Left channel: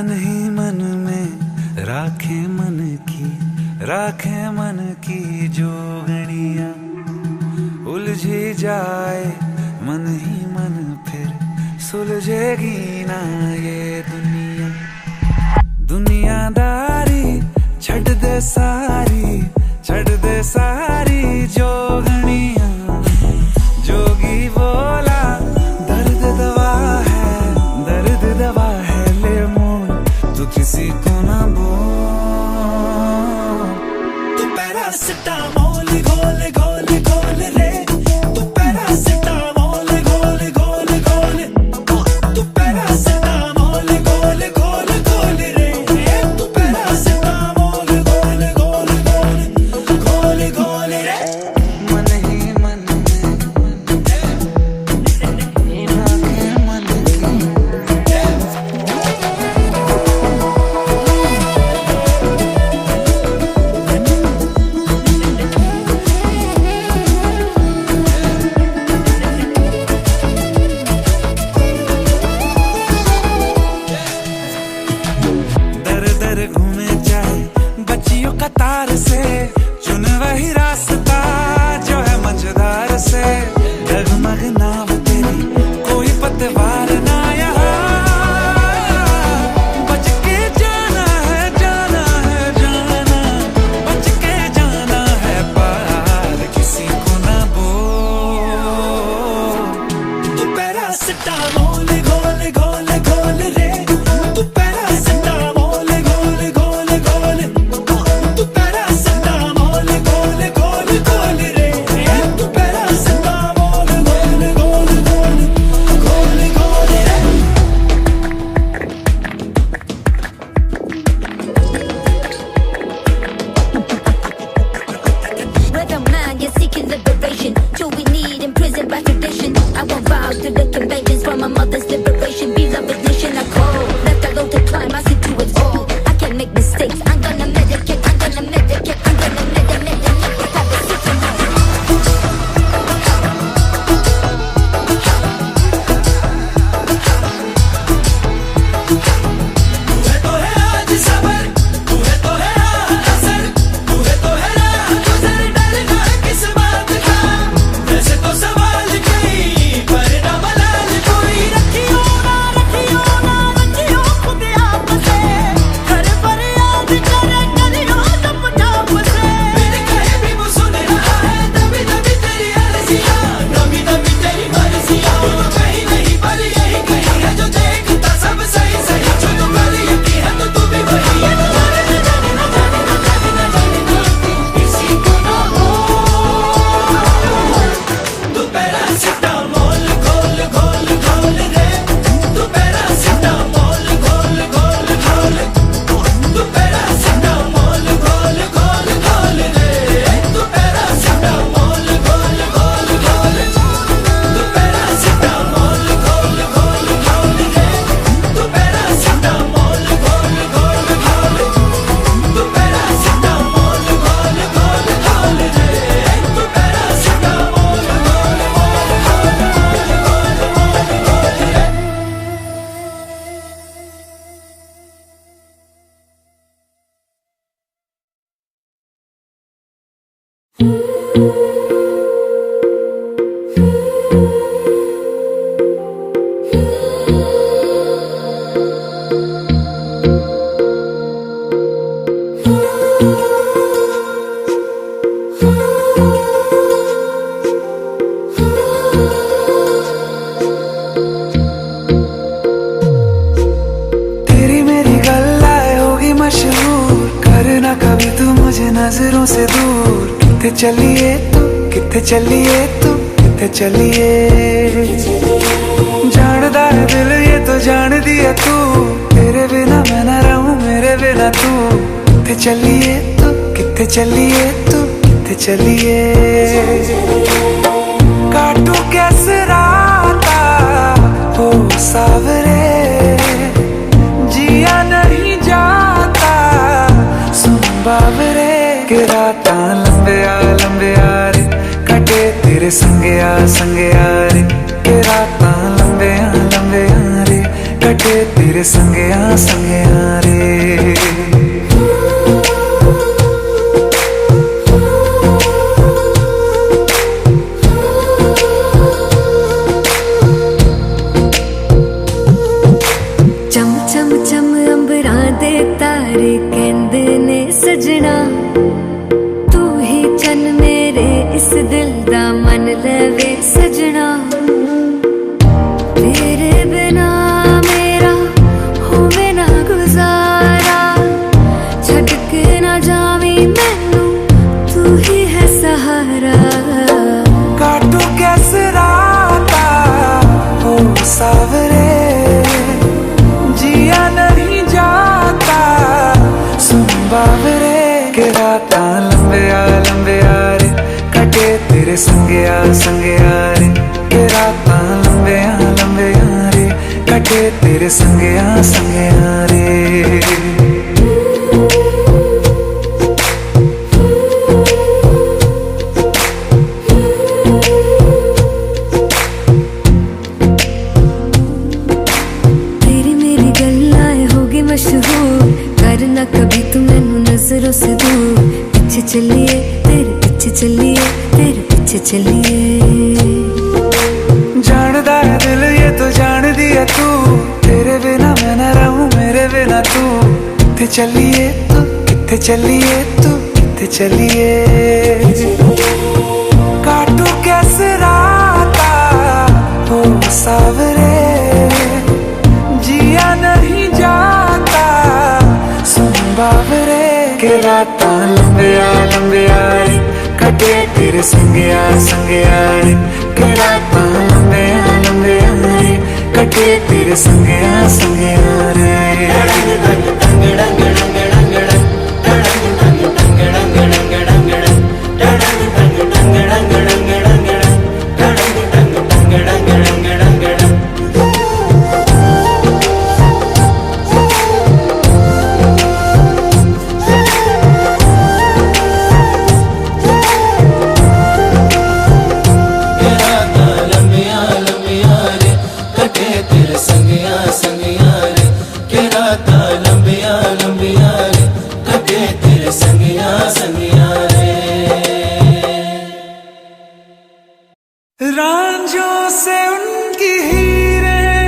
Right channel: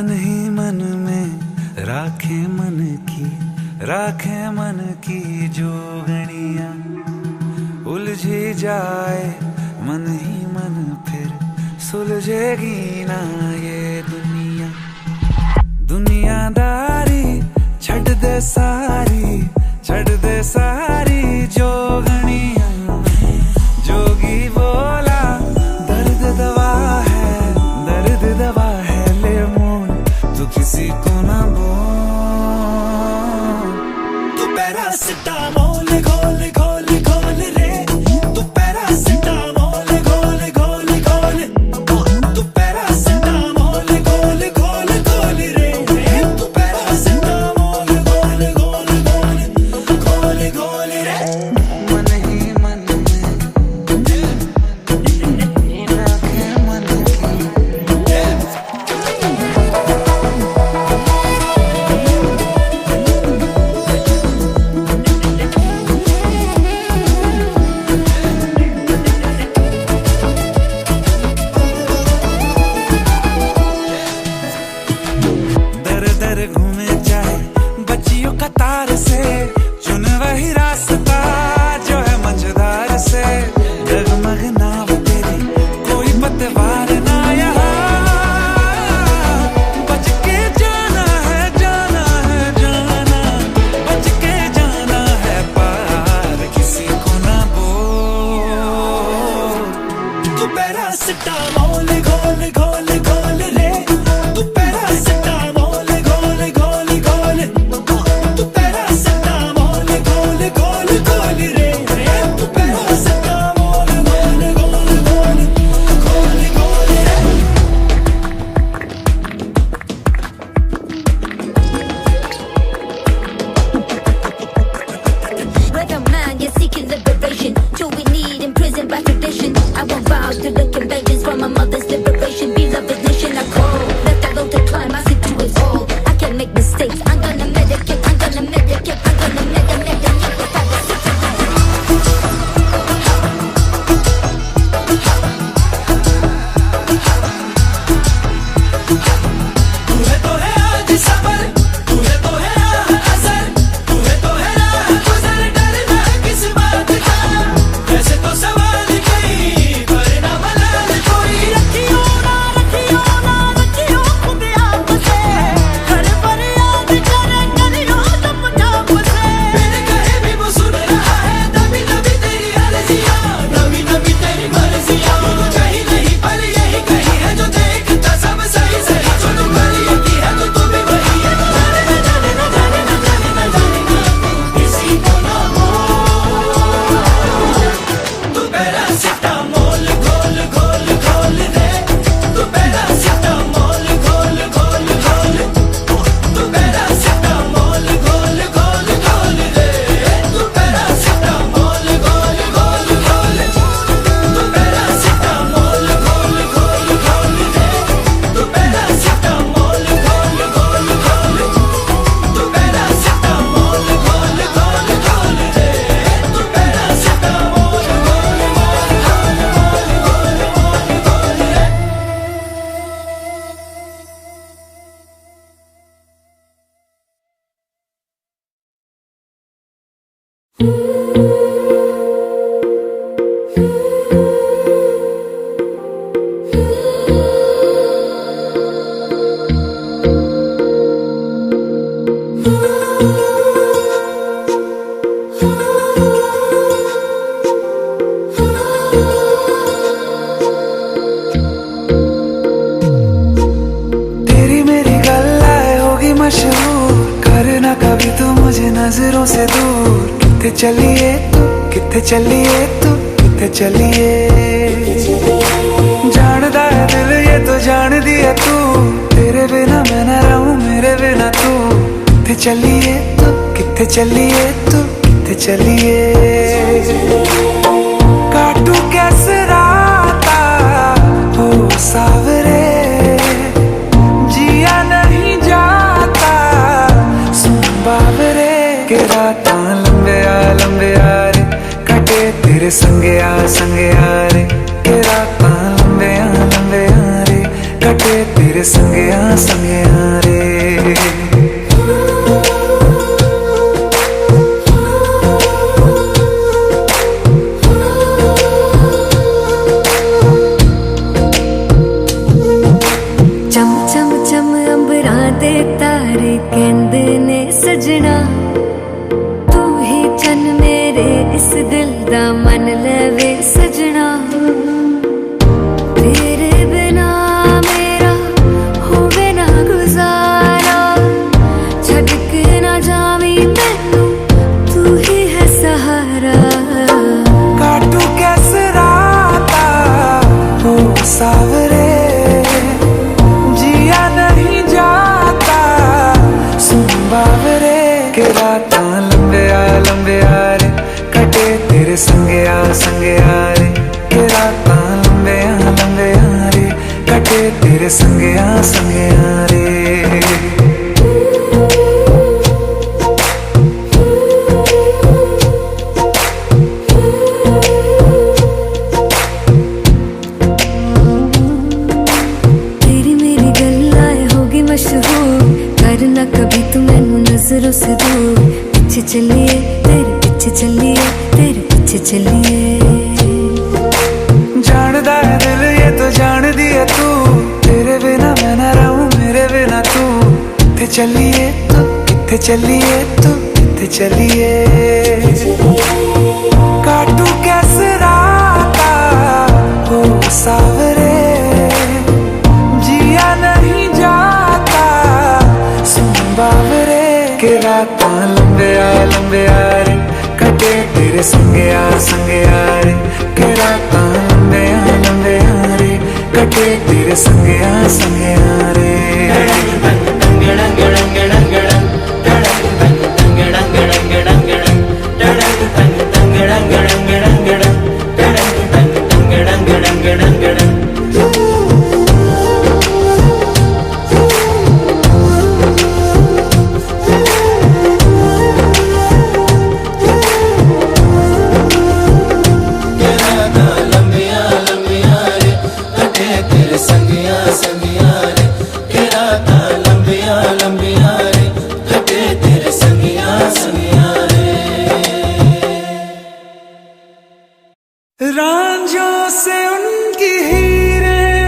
मन ही मन में राखे मन की जोगणियां। उलझी जाए मन ही मन फिर सुलझेगी ना ये दुनिया। दुनियादारी छड़ दे सारी जोगणियां। जोगी बोला दर्द दवा है ले मोल तू किसी को ना बोल। तू पैरासिटामोल घोल घोल घोल रे। तू पैरासिटामोल घोल घोल घोल। तू पैरासिटामोल घोल घोल घोल रे। तू पैरासिटामोल घोल घोल घोल घोल घोल रे। मन ही मन में राखे मन की। दर घूमे चाहे बच्चियों कतार से। चुन वही रास्ता जो है मझधार से। डगमग नाव तेरी कोई पतवार ना यहाँ। बच के जाना है जाना बच के जाना है पार किसी को ना बोल। तू पैरासिटामोल घोल घोल घोल रे। तू पैरासिटामोल घोल घोल घोल। तू पैरासिटामोल घोल घोल घोल रे। तू पैरासिटामोल घोल घोल घोल घोल घोल रे। Rhythm man, you're seeking liberation. Do we need imprisoned by tradition? I won't bow to the conventions from my mother's liberation. Beloved nation, I call. Left I go to climb, I see to it all. I can make mistakes. I'm gonna medicate. I'm gonna medicate. I'm gonna medicate. तेरी मेरी गल्लाए होगी मशहूर। करना कभी तू मुझे नजरों से दूर। किथे चलिए तू किथे चलिए तू किथे चलिए। जानदा है दिल ये तो जान दिया तू। तेरे बिना मैं ना रहूं मेरे बिना तू। किथे चलिए तू किथे चलिए तू किथे चलिए। काटू कैसे राता हो सावरे। जिया नहीं जाता सुन बाबरे। के राता लंबे आ रे कटे तेरे संगे आ रे। के राता लंबे आ रे कटे तेरे संगया संगया रे। चम चम चम अंबरां दे तारे कहंदे ने सजना, तू ही चन मेरे इस दिल दा मन लवे सजना। तेरे बिना मेरा होवे ना गुजारा, छड़ के ना जावी मैनू तू ही है सहारा। काटू कैसे राता हो सावरे, जिया नहीं जाता सुन बावरे। के रातां लंबिया लंबिया रे, कटे तेरे संगया संगया रे। के रातां लंबिया लंबिया रे, कटे तेरे संगया संगया रे। मशहूर करना कभी तू मैनू नजरों से दूर, पीछे चलिए तेरे पीछे चलिए तेरे पीछे चलिए। जानदा है दिल ये तो जान दिया तू, तेरे बिना मैं ना रहूं मेरे बिना तू। किथे चलिए तू किथे चलिए तू किथे चलिए। काटू कैसे राता हो सावरे, जिया नहीं जाता सुन बावरे। के रातां लंबिया लंबिया रे, कटे तेरे संगया संगया रे। के रातां लंबिया लंबिया रे, कटे तेरे संगया संगया रे। रांझों से उनकी हीरें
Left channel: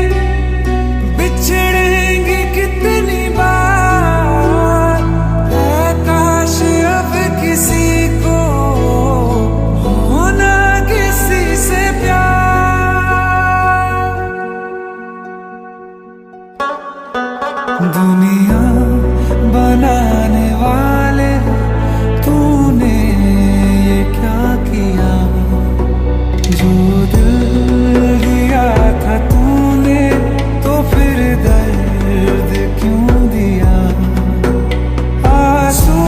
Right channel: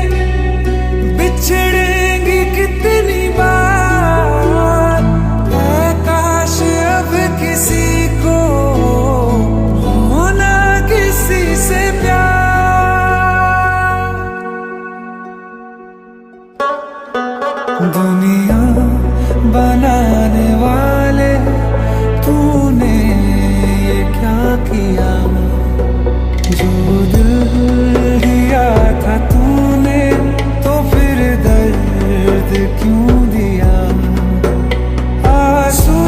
बिछड़ेंगी कितनी बार, है काश अब किसी को होना किसी से प्यार। दुनिया बनाने वाले तूने ये क्या किया, जो दिल दिया था तूने तो फिर दर्द क्यों दिया। आंसू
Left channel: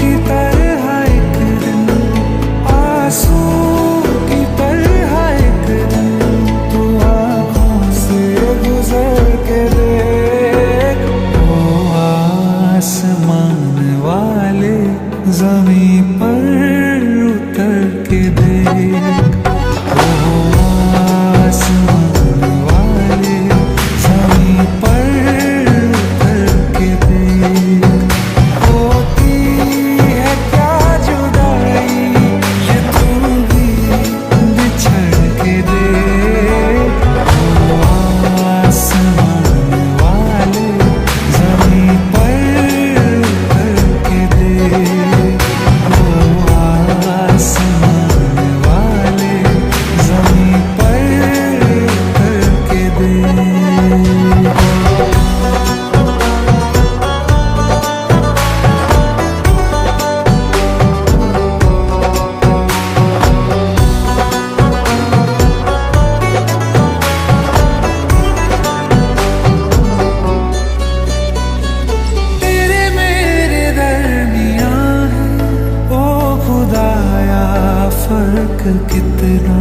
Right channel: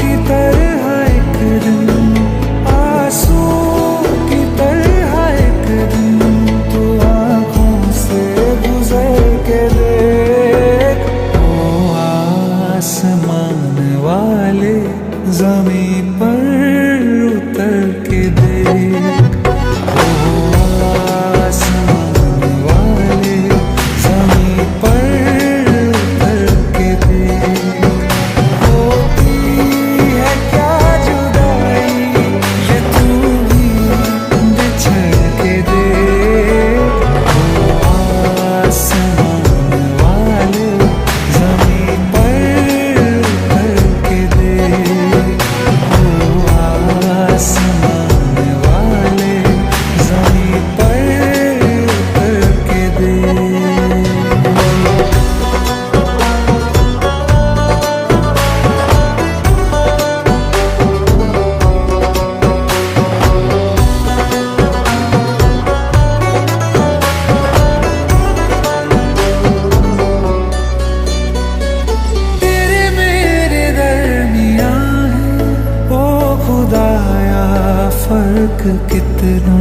की तरह एक दिन, आंसू की तरह एक दिन तू आँखों से गुजर के देख। ओ आसमान वाले ज़मीं पर उतर के देख। आसमान वाले ज़मीं पर उतर के देख। होती है क्या जुदाई ये तू भी बिछड़ के देख। आसमान वाले ज़मीं पर उतर के देख। आसमान वाले ज़मीं पर उतर के देख। तेरे मेरे दरमियाँ है ओ खुदाया फर्क कितना,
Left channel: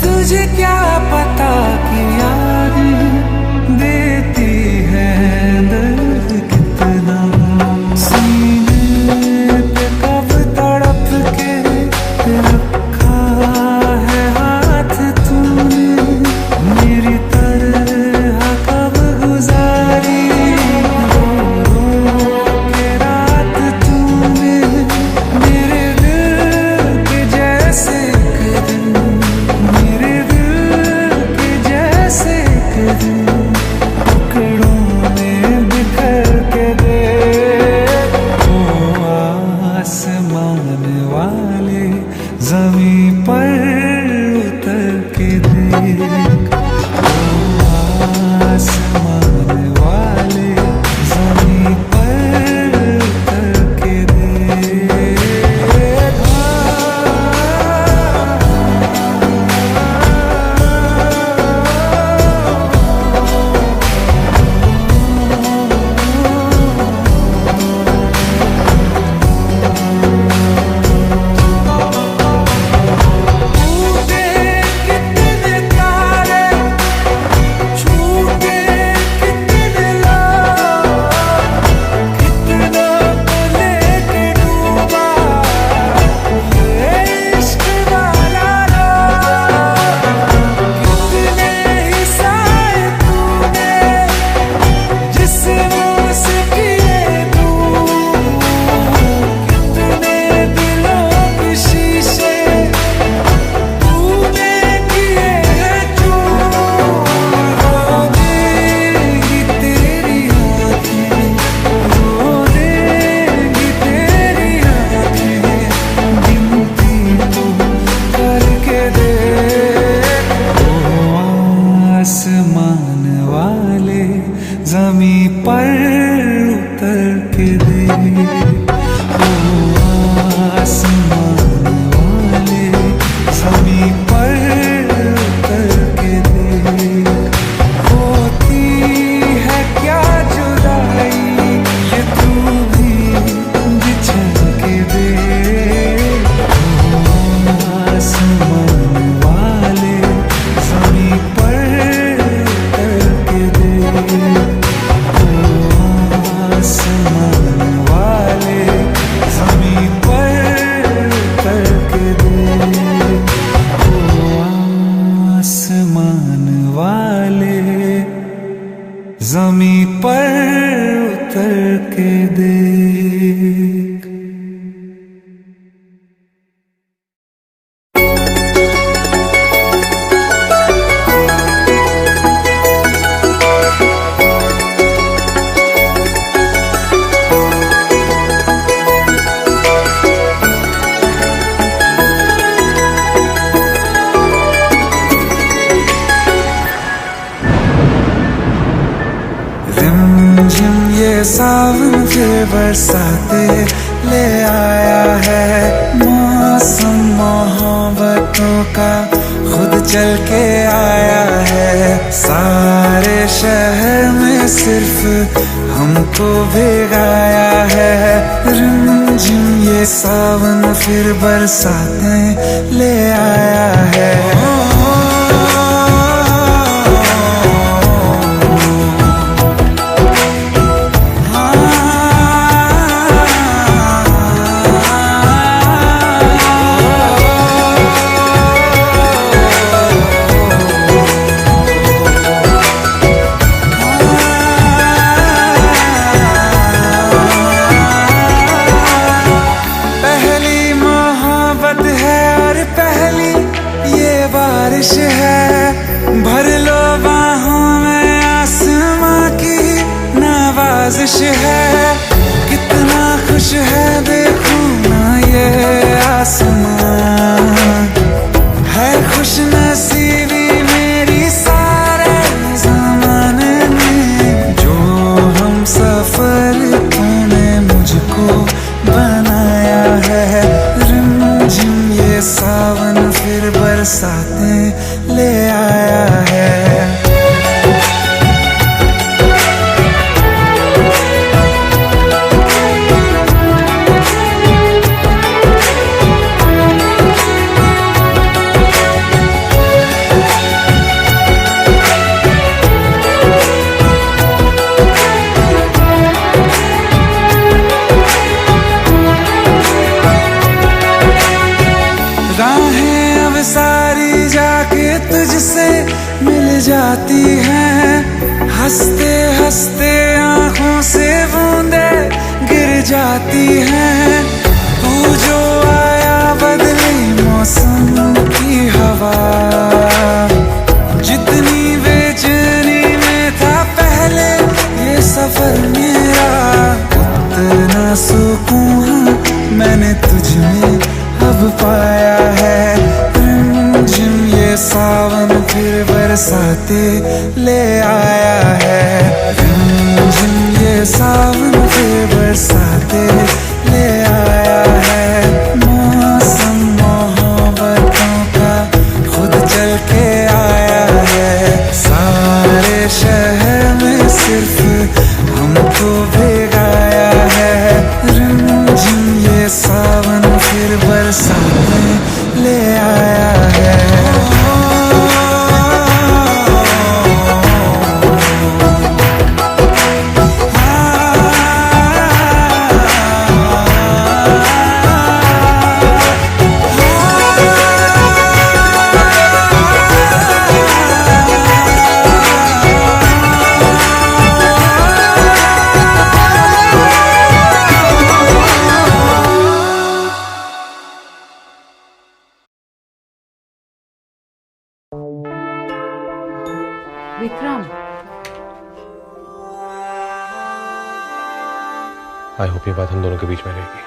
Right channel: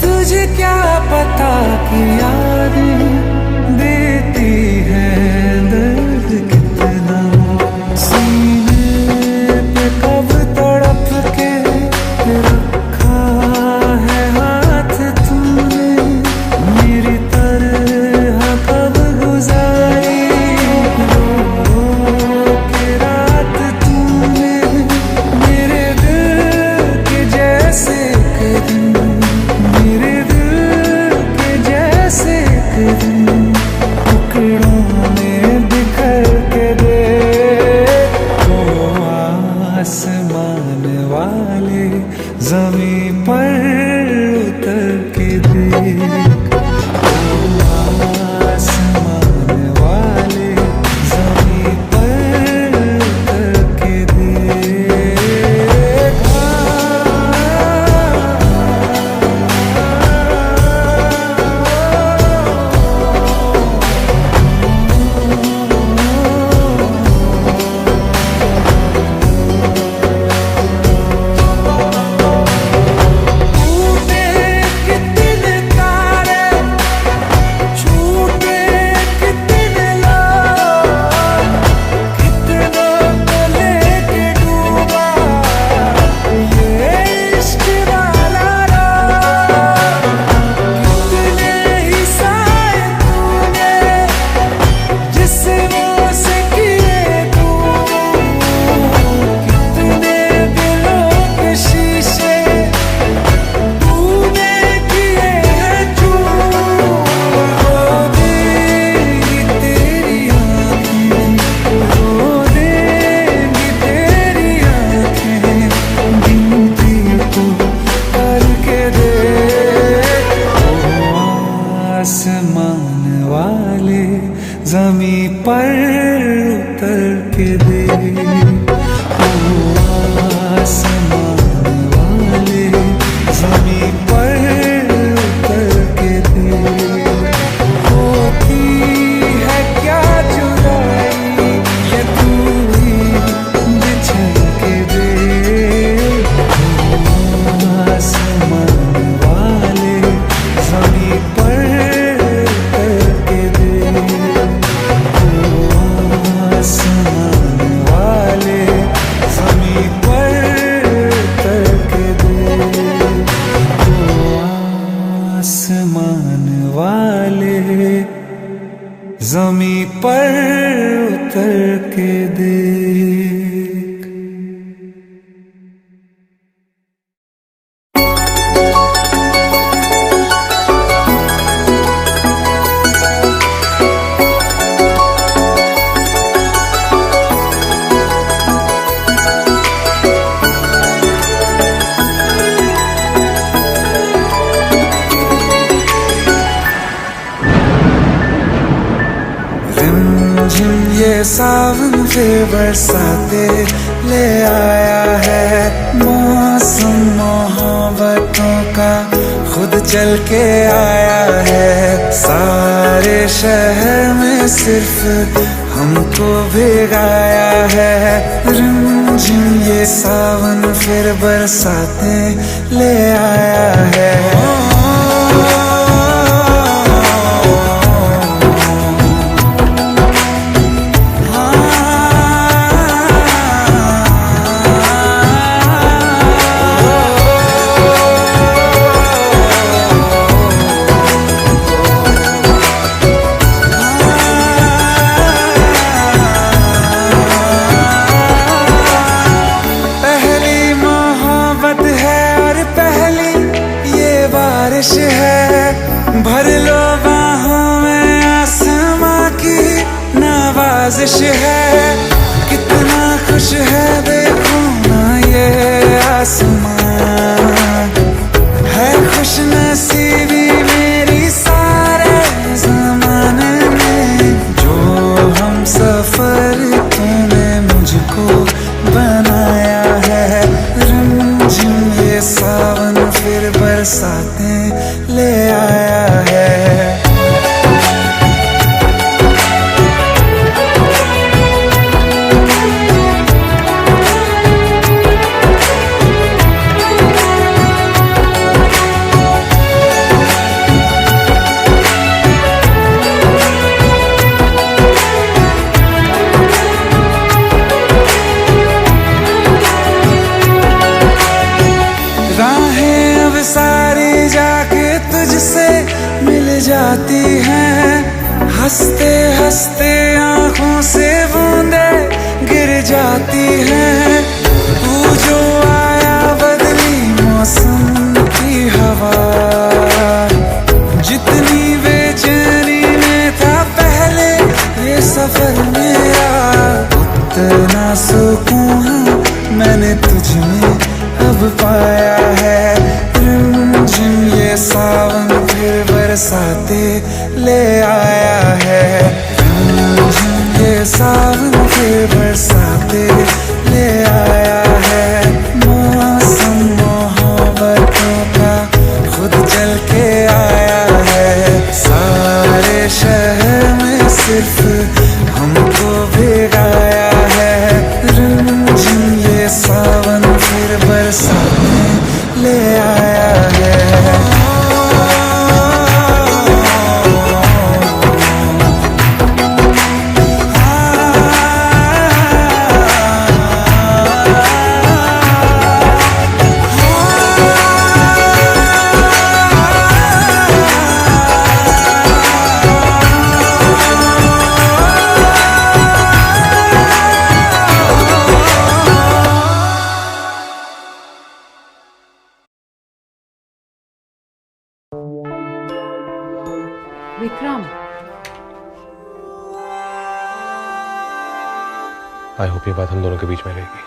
तुझे क्या पता कि यादें देती हैं दर्द कितना। सीने पे कब तड़प के रखा है हाथ तूने, मेरी तरह के देख। ओ आसमान वाले जमीन पर उतर के देख। ओ आसमान वाले जमीन पर उतर के देख। टूटे कितने तारे, छूटे कितने लोग, कितनों को लेके डूबा ये इश्क वाला रोग। कितने ही साए तूने जिस्मों से किए दूर, कितने दिलों के शीशे तूने किए हैं चूर। रो देंगी तेरी आंखें, रो देंगी तेरी आंखें, गिनती तो करके देख। ओ आसमान वाले जमीन पर उतर के देख। ओ आसमान वाले जमीन पर उतर के देख। होती है क्या जुदाई ये तू भी बिछड़ के देख। ओ आसमान वाले जमीन पर उतर के देख। ओ आसमान वाले जमीन पर उतर के देख। ओ आसमान वाले जमीन पर उतर के देख। रिमझिम ये सावन फिर बरसाते ले आया है। मौसम मोहब्बतों का खुद चल के आया है। सारे शहर में सिर्फ हमको भिगाया है। रिमझिम ये सावन फिर बरसाते ले आया है। बारिश है भर लो बाहों में, आसमां की नवाजिश है। कितना खुश है देखो ना ये आसमां, है खुश नसीबी मेरी सारे जमाने में। जो हम सफर तूने मुझको बनाया है। रिमझिम ये सावन फिर बरसाते ले आया है। राहें अब सारी जाके तुझसे मिल जाती हैं। हंसते हंसते आंखों से बूंदे गिर जाती हैं। तू जो आया बदली मौसम की हवा, जितनी बेचैनी में था पहले ये सफर मेरा। सुकून हाँ मैंने तुझ में अब पाया है। रिमझिम ये सावन फिर बरसाते ले आया है। रिमझिम ये सावन फिर बरसाते ले आया है। मौसम मोहब्बतों का खुद चल के आया है। सारे शहर में सिर्फ हमको भिगाया है। रिमझिम ये सावन फिर बरसाने ले आया है। विक्रम, आई होप ये बात हम दोनों के बीच में रहेगी।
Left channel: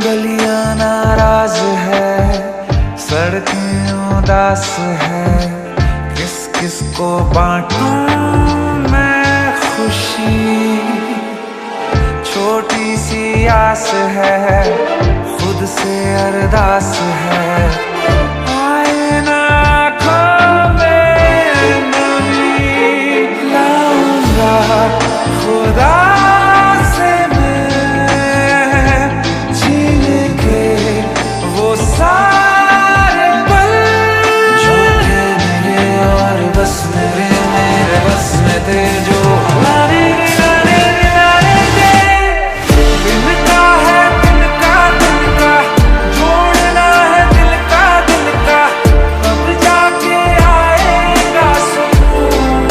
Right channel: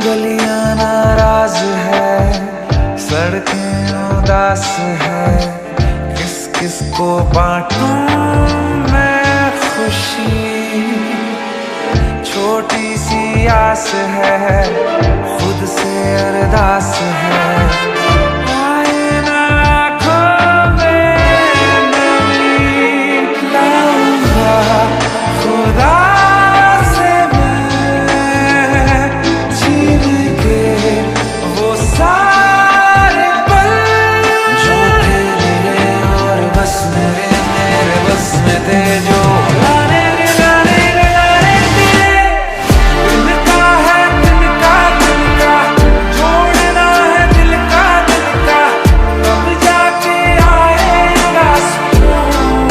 गलियां नाराज है, सड़कें उदास है, किसको बांटूं मैं खुशी। छोटी सी आस है, खुद से अरदास है, आए ना आँखों में नमी। लाऊंगा खुदा से मैं छीन के वो सारे पल जो बस मेरे बस में थे। जो लाने थे तिनका है दिल का जोड़ना है दिल का तब जाके आएगा सुकून।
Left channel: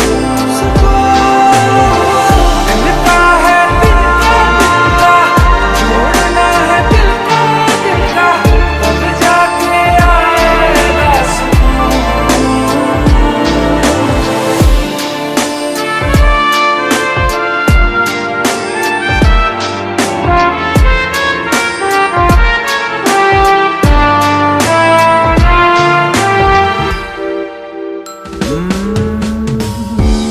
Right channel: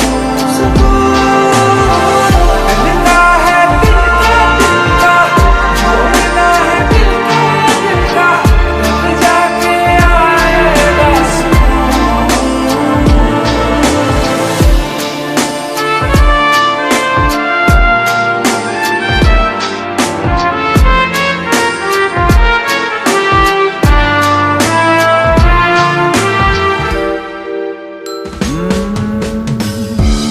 तिनका है दिल का जोड़ना है दिल का तब जाके आएगा सुकून।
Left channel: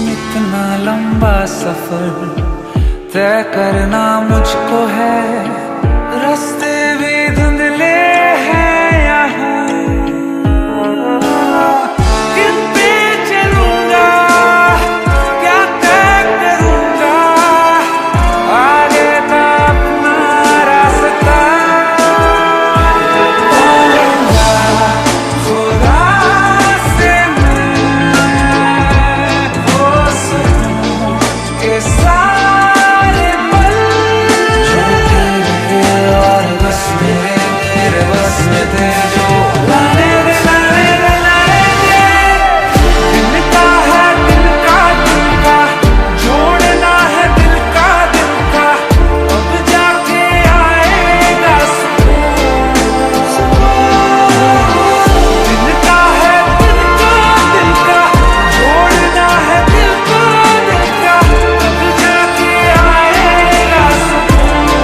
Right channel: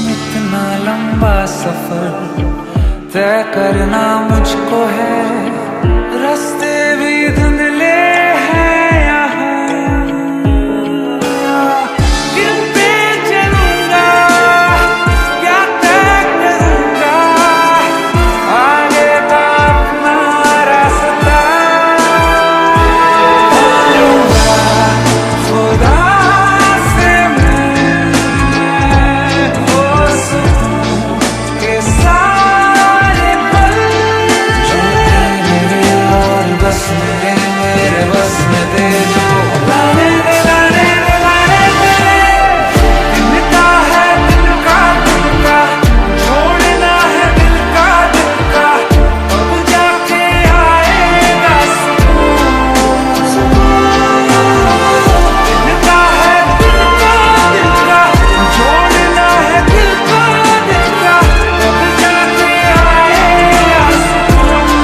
इतना लंबा सफर तय करना मुझको है। रास्ते भी धुंधले हैं यहाँ, किन पे चलूंगा क्या तय करूंगा आगे का अपना रास्ता। पाऊंगा खुदा से मैं वो सुकून के सारे पल जो तेरे और बस मेरे बस में थे। जो लाने थे तिनका है दिल का जोड़ना है दिल का अब जाके आएगा सुकून। तिनका है दिल का जोड़ना है दिल का तब जाके आएगा सुकून।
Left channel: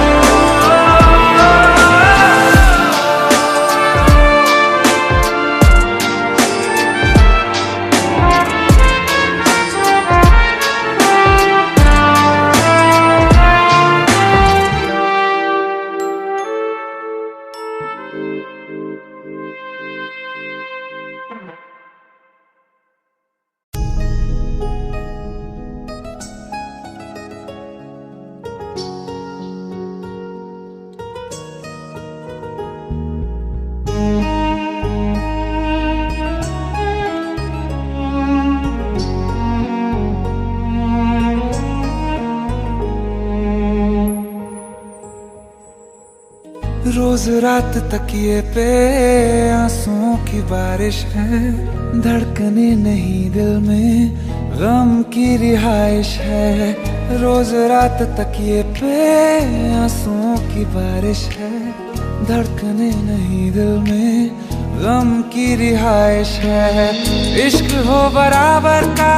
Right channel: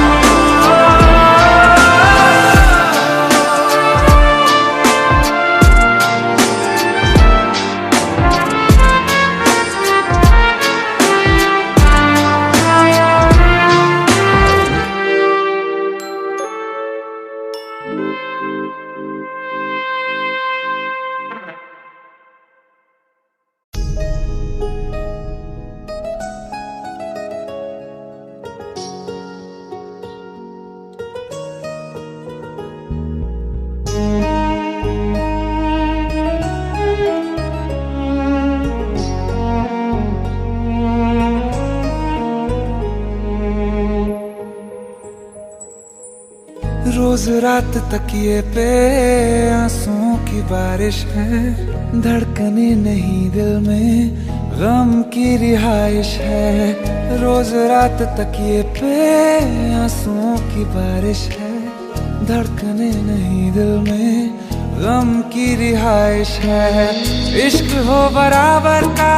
रोज रात तकिए पे आंसुओं की बारिश है। धड़कने नहीं दिल में गम की रिहाइश है। रोज रात तकिए पे आंसुओं की बारिश है, धड़कने नहीं दिल में गम की रिहाइश है। इश्क हो बराबर का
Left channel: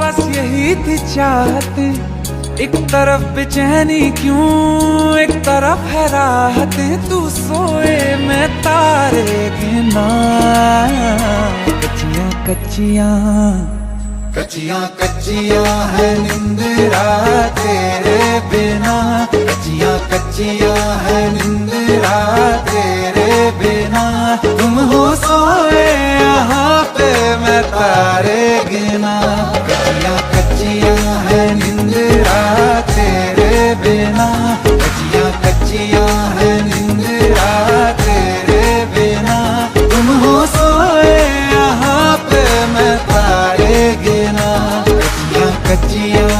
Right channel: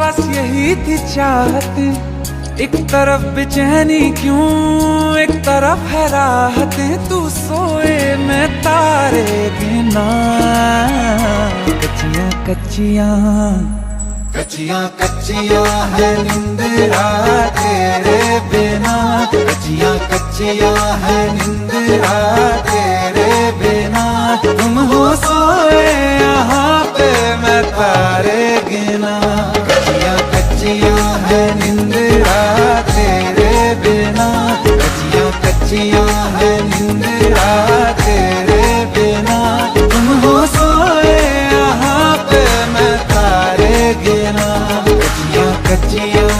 बस यही थी चाहते, एक तरफ बेचैनी क्यों एक तरफ है राहतें। तू सोए मैं तारे गिना, कच्चियां कच्चियां कच्चियां कच्चियां है निंदरा तेरे बिना, कच्चियां कच्चियां है निंदरा तेरे बिना। तुम हो सोए यहाँ पे मैं तारे गिना, कच्चियां कच्चियां है निंदरा तेरे बिना, कच्चियां कच्चियां है निंदरा तेरे बिना। तुम हो सोए यहाँ पे मैं तारे गिना, कच्चियां कच्चियां।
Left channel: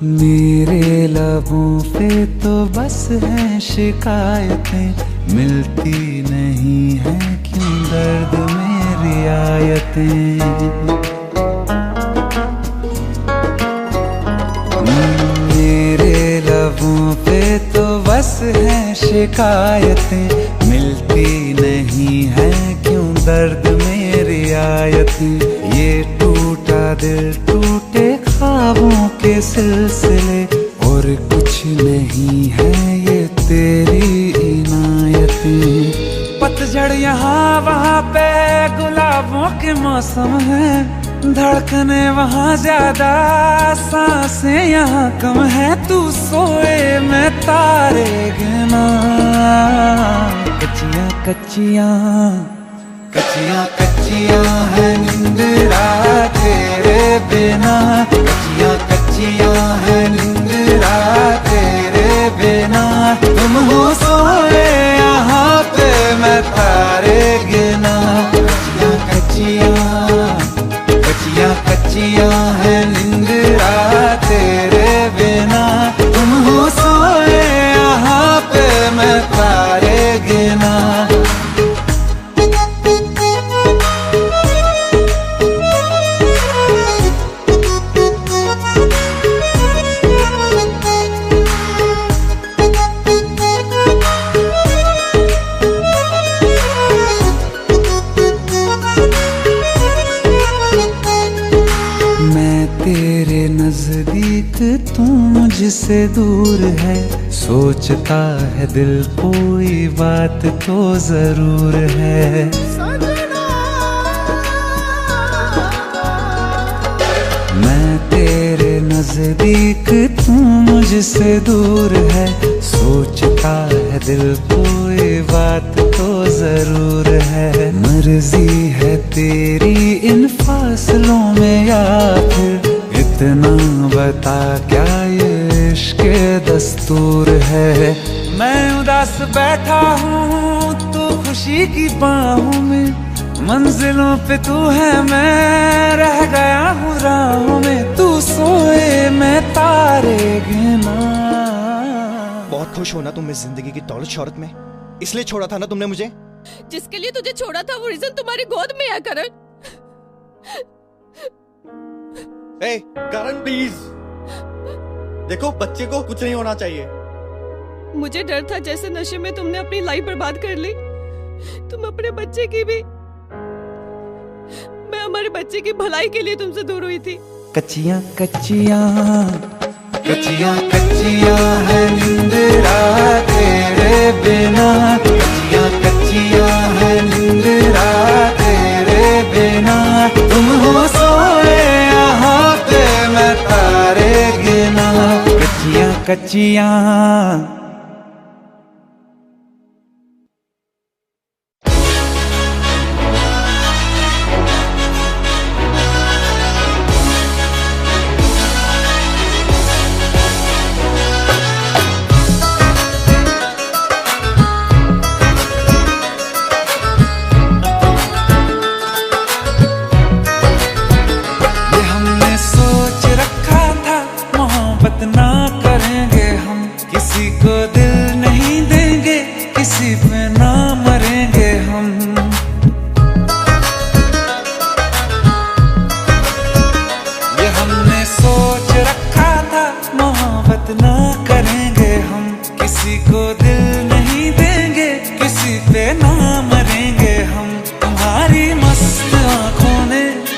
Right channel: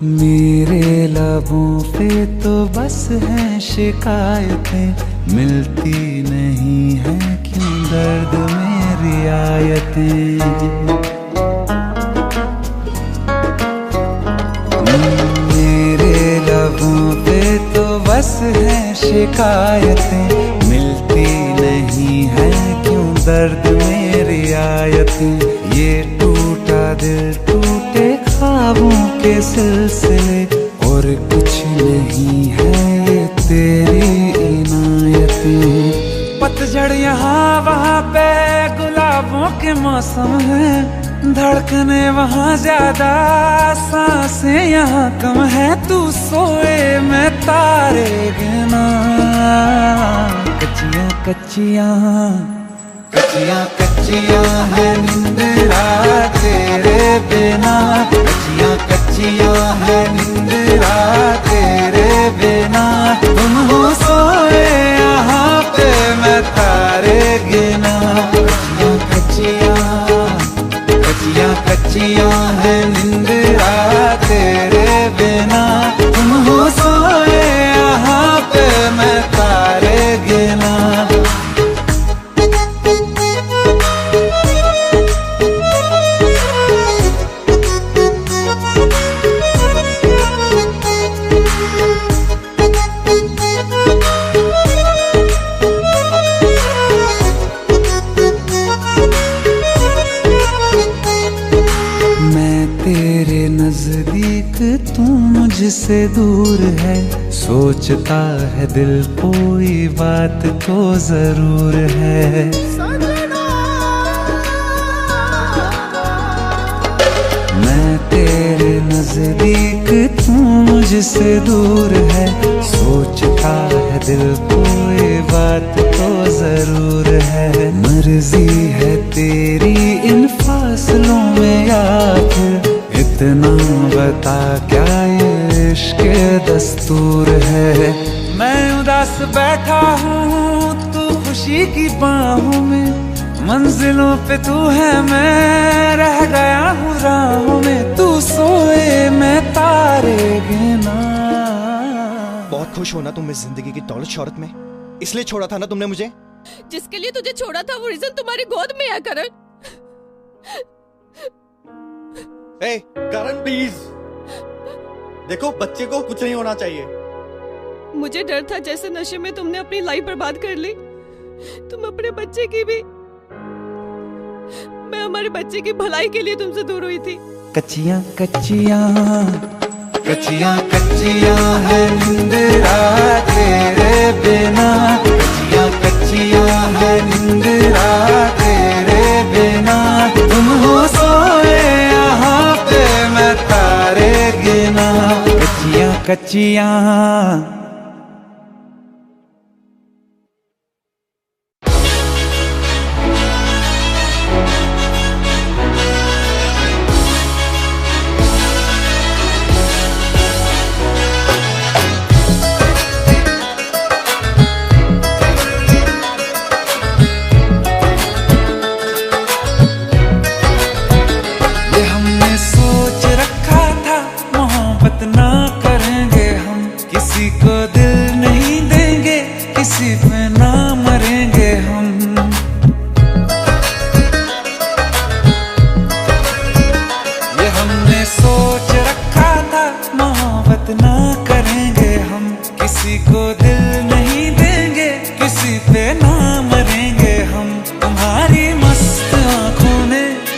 मेरे लबों पे तो बस हैं शिकायतें, मिलती नहीं है क्यों दर्द में रियायतें। मेरे लबों पे तो बस हैं शिकायतें, मिलती नहीं है क्यों दर्द में रियायतें। ये टूटा दिल टूटे ख्वाबों के सिलसिले, और कुछ नहीं है ये तेरी इनायतें। पतझड़ यहाँ वहाँ पे गुलाबों के मौसम है, धड़कने वहाँ ज्यादा सांसें यहाँ कम है। तू सोए मैं तारे गिना, कच्चियां कच्चियां कच्चियां कच्चियां है निंदरा तेरे बिना, कच्चियां कच्चियां है निंदरा तेरे बिना। तुम हो सोए यहाँ पे मैं तारे गिना, कच्चियां कच्चियां कच्चियां कच्चियां है निंदरा तेरे बिना। तुम हो सोए यहाँ पे मैं तारे गिना। तेरे नजदीक तू मुझसे दूर है, सोचता है दिल कोई बात तो जरूर है। मैं तेरे नजदीक तू मुझसे दूर है, सोचता है दिल कोई बात तो जरूर है। मर्जी है तेरी इन फासलों में या फिर इतना बता क्या ये इश्क दस्तूर है। मैं उदास बैठा हूँ तू खुशी की बाहों में, मंजिलों पे तू है मैं रह गया हूँ राहों में। तू सोए मैं तारे गिना। बहुत खुश हो ना तुम इस जिंदगी की दौलत शौहरत में, इसलिए छोड़ा था ना तुमने मुझे। जिसके लिए तुझे छोड़ा था वो रीजन तुम्हारी गोद में है करण। ए करण प्लीज, देखो बच्चे को कुछ नहीं होना चाहिए। मुझे डर था जैसे नशे में तुमने अपनी लाइफ बर्बाद कर ली, तुम अपने बच्चे की भी। मैं हमारे बच्चे की भलाई के लिए तुमसे दूर हुई थी। कच्चियां कच्चियां कच्चियां कच्चियां है निंदरा तेरे बिना, कच्चियां कच्चियां है निंदरा तेरे बिना। तुम हो सोए यहाँ पे मैं तारे गिना, कच्चियां कच्चियां।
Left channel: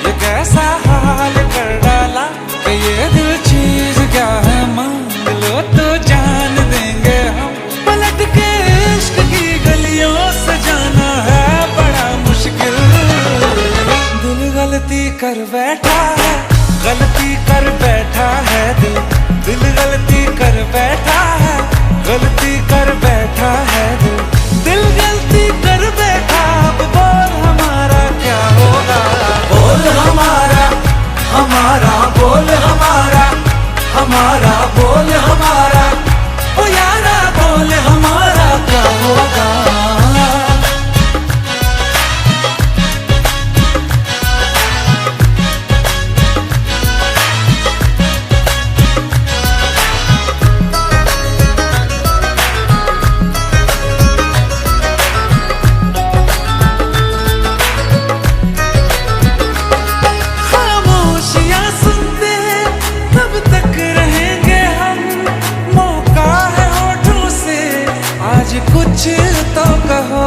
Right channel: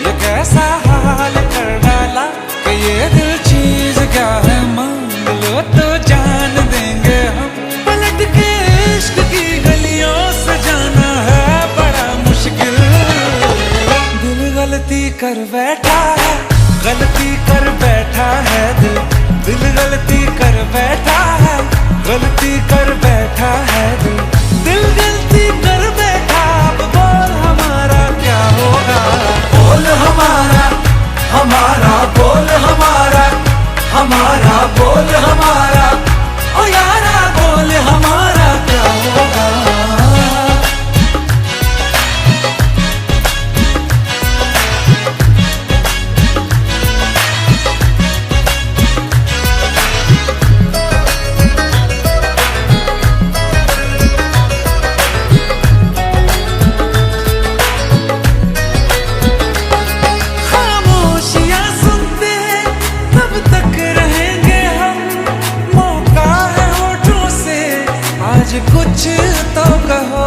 ये कैसा हाल कर डाला कि ये दिल चीज क्या है, मांग लो तो जान देंगे हम। पलट के इश्क की गलियों से जाना है बड़ा मुश्किल। दिल गलती कर बैठा है, गलती कर बैठा है दिल। दिल गलती कर बैठा है, गलती कर बैठा है दिल। दिल गलती कर बैठा, अब बोल हमारा क्या होगा। बोल हमारा, हमारा बोल हमारा, हमारा बोल हमारा, ओ यारा बोल हमारा क्या होगा। कुछ तो कहो,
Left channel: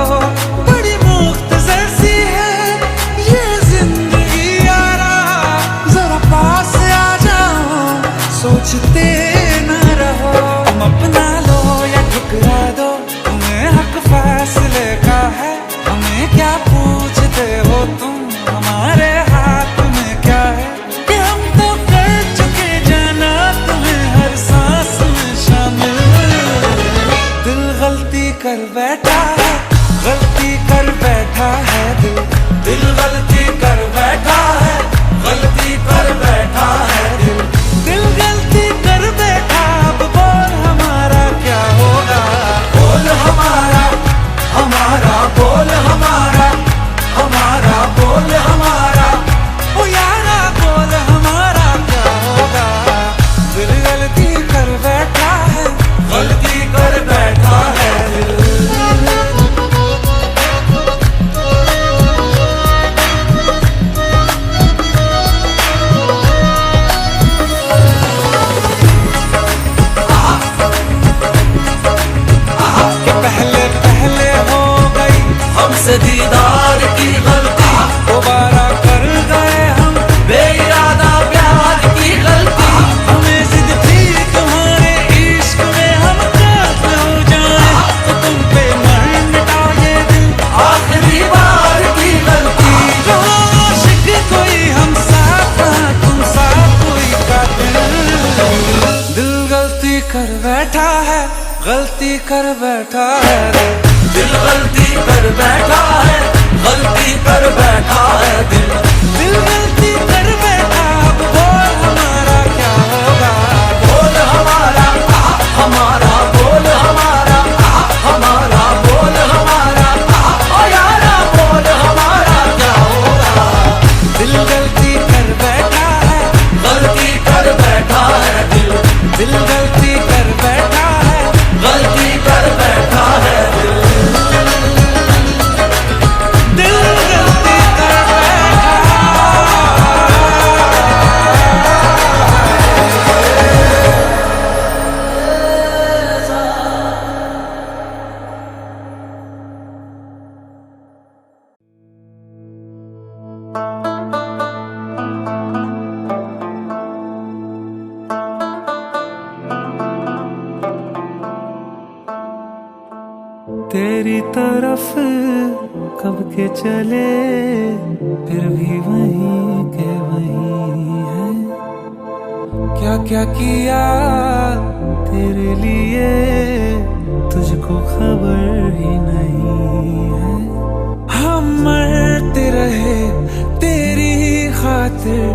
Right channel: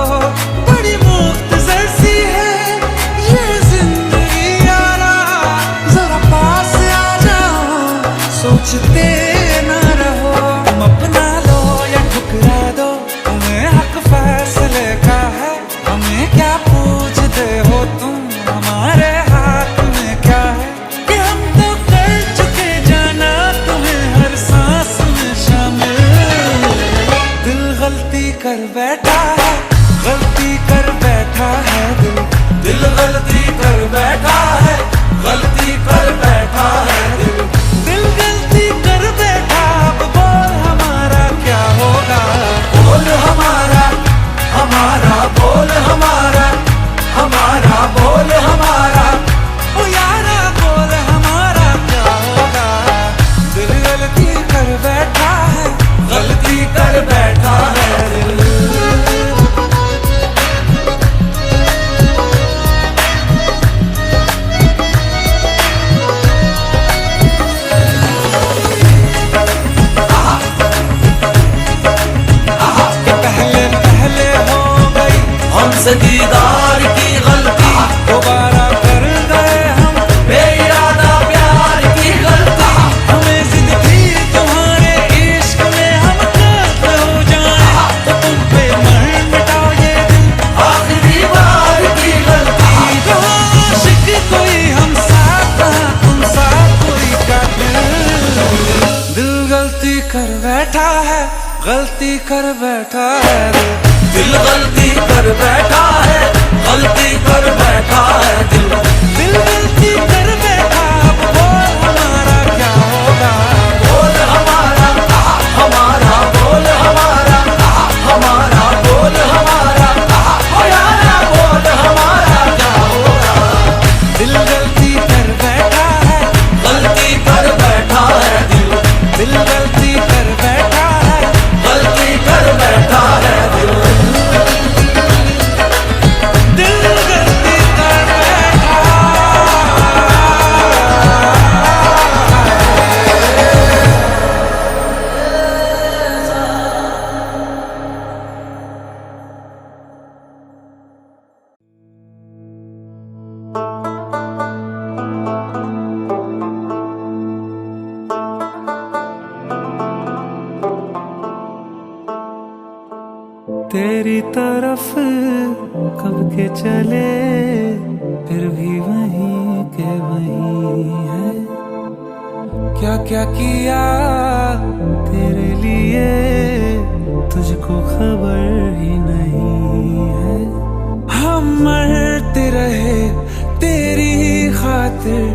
बड़ी मुख्तसर सी है ये जिंदगी यारा। जरा पास आ जाओ, सोचते न रहो। तुम अपना लो या ठुकरा दो, तुम्हें हक फैसले का है। हमें क्या पूछते हो तुम, हमारे हाथ में क्या है। कि हम तो कर चुके जाना तुम्हें हर सांस में शामिल। दिल गलती कर बैठा है, गलती कर बैठा है दिल। दिल गलती कर बैठा है, गलती कर बैठा है दिल। दिल गलती कर बैठा, अब बोल हमारा क्या होगा। बोल हमारा, हमारा बोल हमारा, हमारा बोल हमारा, ओ यारा बोल हमारा क्या होगा। दिल गलती कर बैठा है, गलती कर बैठा है दिल। कि पहले पहले हो गई हमसे दीदार की गलती, दोबारा कर गए हम बेइरादा प्यार की गलती। हमें जिद थी तुम्हारे इश्क में हम कातिल हो जाएं, तो तुम पे मर मिटाओ ये दिल आखिरी बार की गलती। कहाँ आशिक कोई हम साथ, कहाँ तुम साथ कोई कातिल। दिल गलती कर बैठा है, गलती कर बैठा है दिल। दिल गलती कर बैठा है, गलती कर बैठा है दिल। दिल गलती कर बैठा, अब बोल हमारा क्या होगा। बोल हमारा, हमारा बोल हमारा, हमारा बोल हमारा, ओ यारा बोल हमारा क्या होगा। दिल गलती कर बैठा है, गलती कर बैठा है दिल। दिल गलती कर बैठा है, गलती कर बैठा है दिल। दिल गलती कर बैठा तेरी तरफ कब के चले, फिर भी वहीं के वहीं है। क्या क्या किया तेरे लिए, तुझको खबर ही नहीं है। हम मरते रहे तेरी खातिर,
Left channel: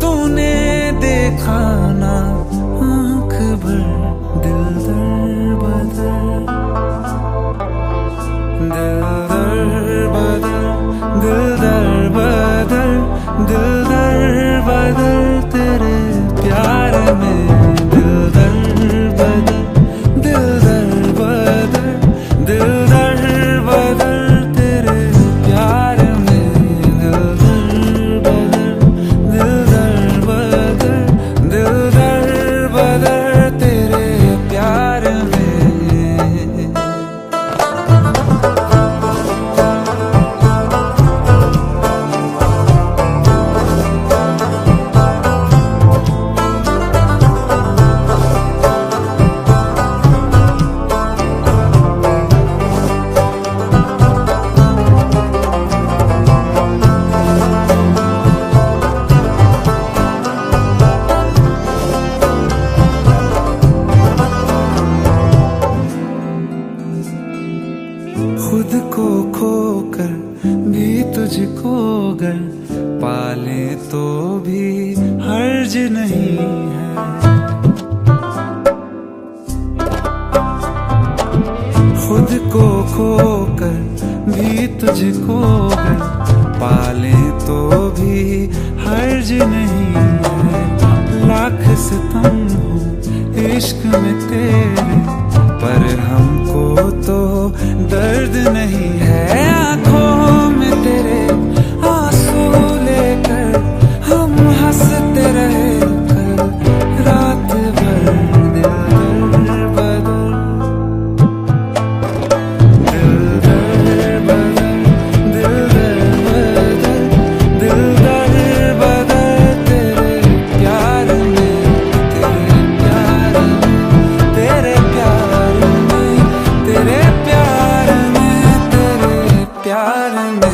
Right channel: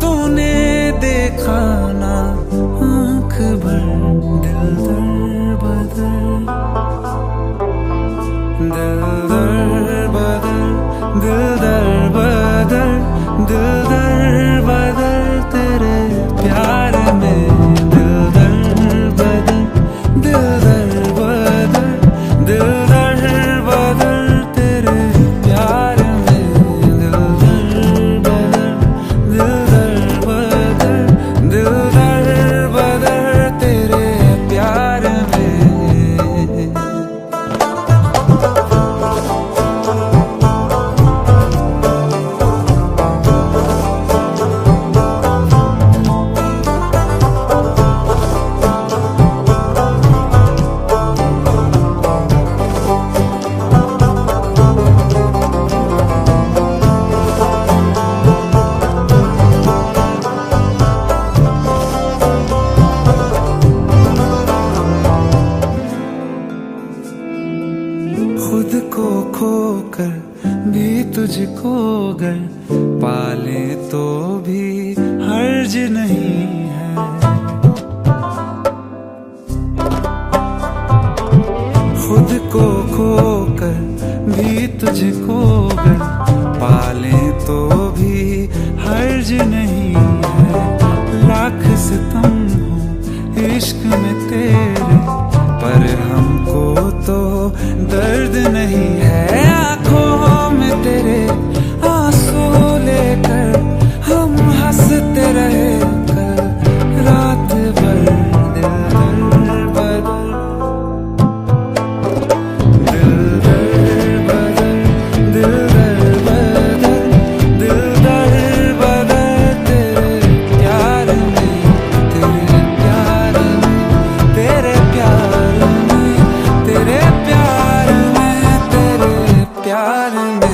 तूने देखा ना आँख भर। दिल दर बदर, दिल दर बदर, दिल दर बदर, दिल दर बदर तेरे प्यार में। दिल दर बदर, दिल दर बदर, दिल दर बदर तेरे प्यार में। दिल दर बदर, दिल दर बदर, दिल दर बदर तेरे प्यार में। तुझको गर पाले तो भी हर्ज नहीं है। खुद को खोकर भी तुझको गर पाले तो भी हर्ज नहीं है। लाख सितम हो इश्क में तेरे, पर हमको तो दर्द नहीं है। आंखों में तेरे आंसू लेकर हम हंसते रहे कल रात भर। दिल दर बदल, दिल दर बदल, दिल दर बदल, दिल दर बदल तेरे प्यार में, तेरे प्यार में, तेरे प्यार में, तेरे प्यार में, तेरे प्यार में।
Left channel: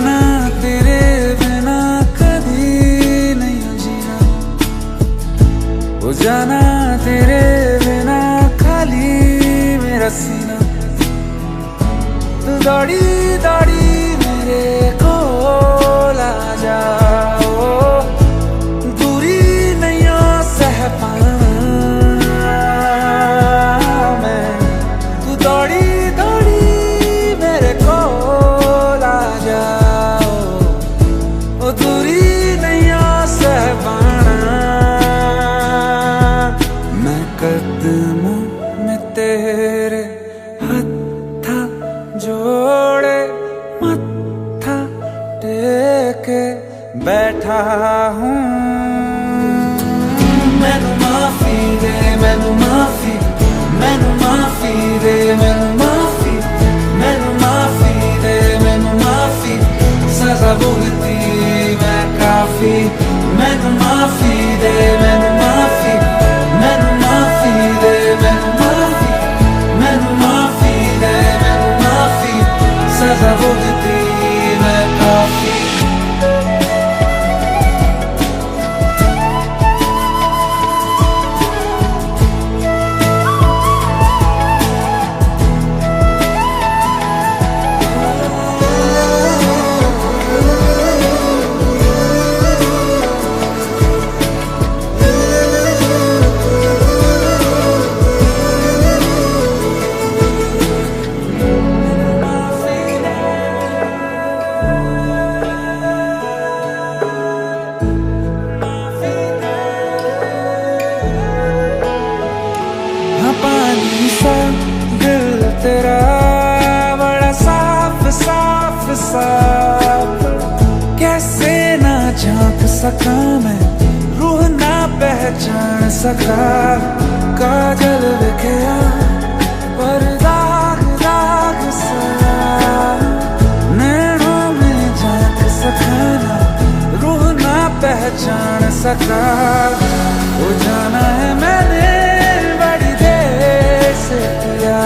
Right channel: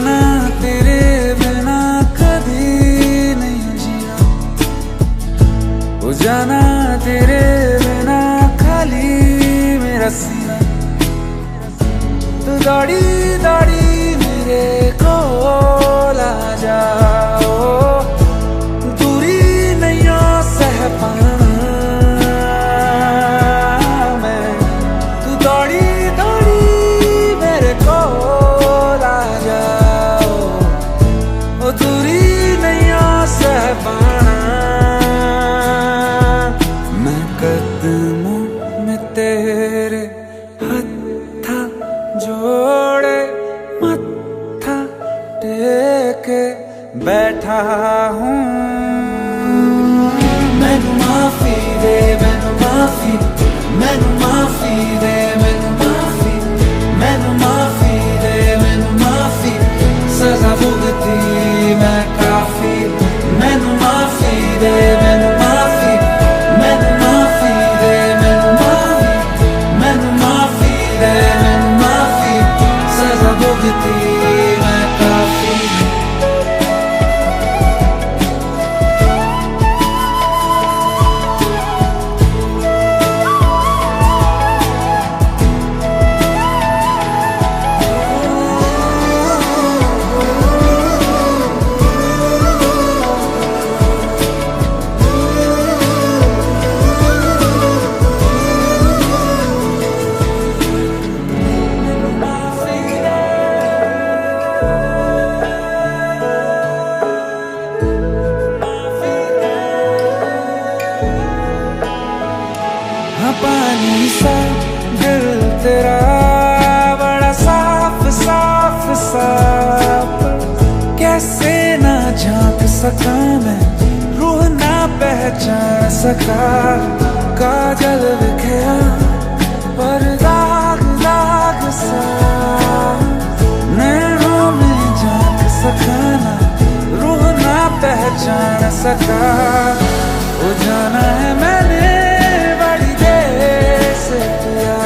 ना तेरे बिना कभी नहीं जीना, हो जाना तेरे बिना खाली मेरा सीना। तू दौड़ी दौड़ी मेरे कोल आ जाओ, दूरी नहीं सह पाना मैं। तू दौड़ी दौड़ी मेरे कोल आ जाओ, ओ दूरी नहीं सह पाना मैं। कदमों में तेरे हत्था जोड़े मत्था टेके बैठा हूँ। मैनू माफी दे, मैनू माफी, मैनू माफी दे, मैनू माफी, मैनू माफी दे, मैनू माफी। सजा भुगती मैं काफी। मैनू माफी दे, मैनू माफी, मैनू माफी दे, मैनू माफी, मैनू माफी दे, मैनू माफी। सजा भुगती मैं काफी। पानी सा दिल तेरा बड़ा साफ साफ साफ, कैसे ना झांक सका मैं, रूह ना पहचान सका। काजल बिखरा पर दाग दाग सा, नैनों में झांक सका ना, रूह ना पहचान सका। वो जाना है मैंने बड़ी देर से किया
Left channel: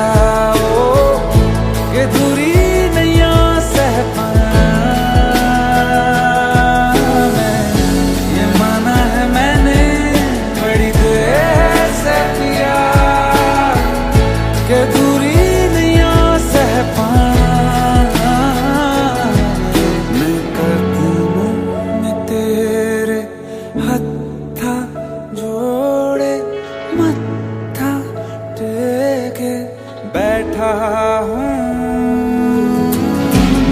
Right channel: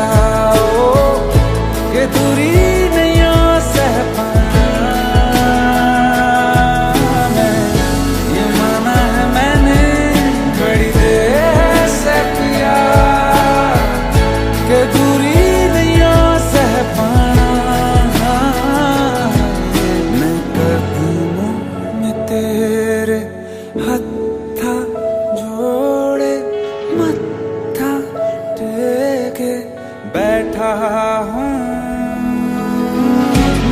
कि दूरी नहीं सह पाना मैं। ये माना है मैंने बड़ी देर से किया कि दूरी नहीं सह पाना मैं। कदमों में तेरे हत्था जोड़े मत्था टेके बैठा हूँ।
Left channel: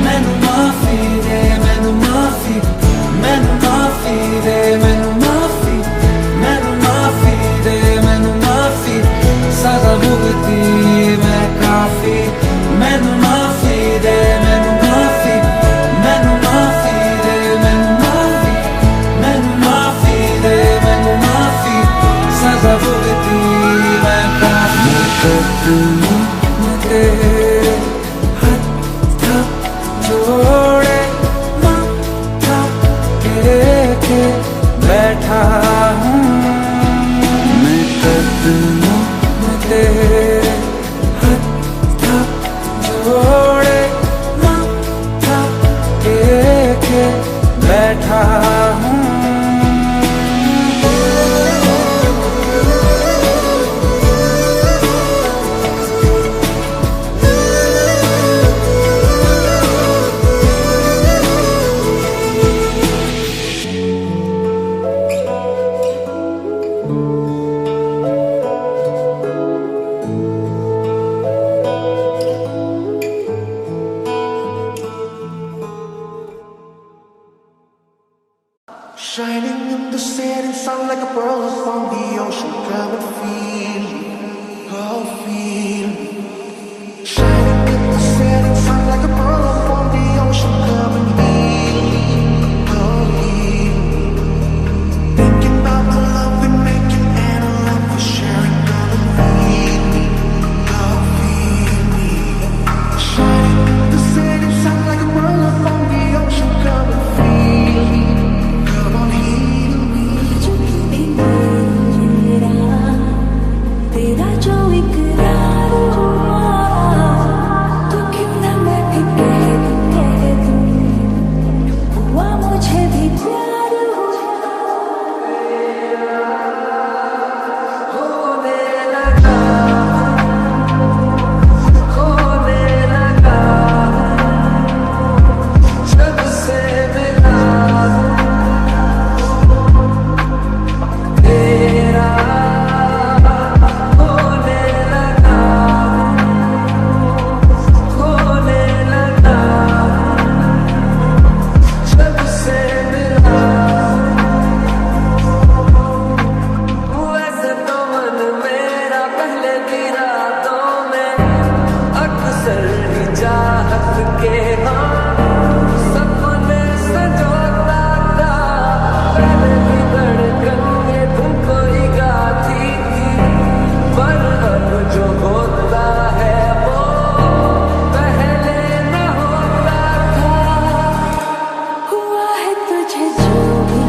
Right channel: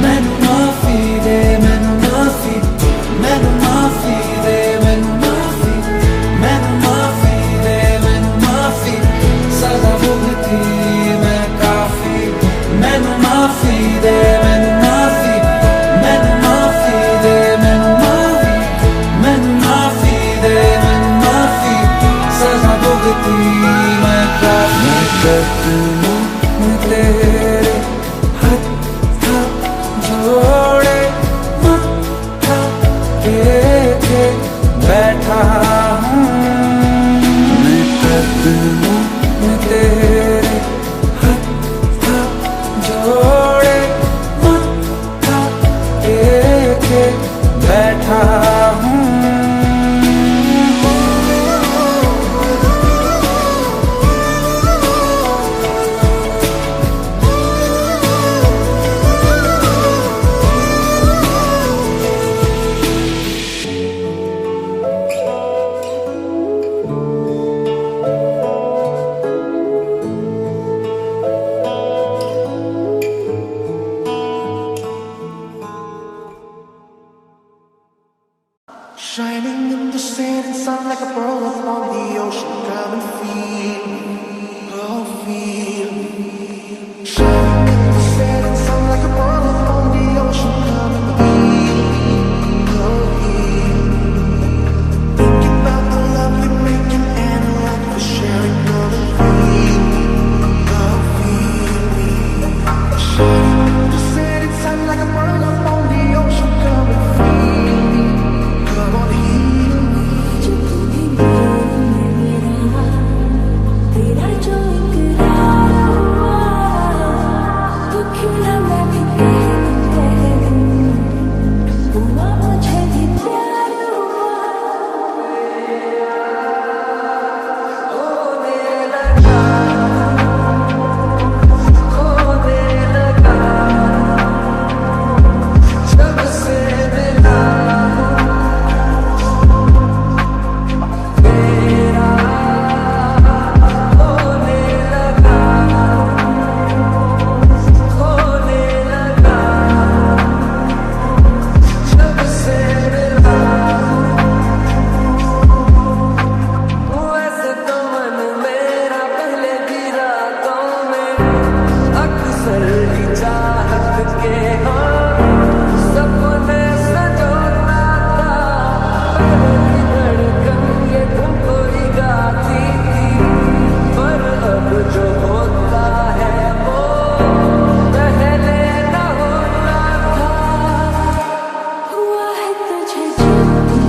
मैनू माफी दे, मैनू बैठा हूँ मैं कदमों में तेरे हथ जोड़े मत्था टेके बैठा हूँ Shining in the setting sun like a pearl upon the ocean. Come and feel me, oh feel me. Shining in the setting sun like a pearl upon the ocean. Come and heal me, oh heal me. Thinking about the love we're making and a life we're sharing. Come and feel me, oh feel me. Shining in the setting sun like a pearl upon the ocean. Come and feel me. Come on, heal me. जो भी मेरा तेरा जो इकरार हुआ तो क्यों ना मैं भी कह दूं हुआ मुझे भी प्यार होने लगा होने लगा जब से मिला अक्सर ही चाहत के हाँ सपने संजोता था पहले भी धड़कन ये धुन कोई गाती थी पर अब जो होता है वो पहले न होता था हुआ है तुझे जो भी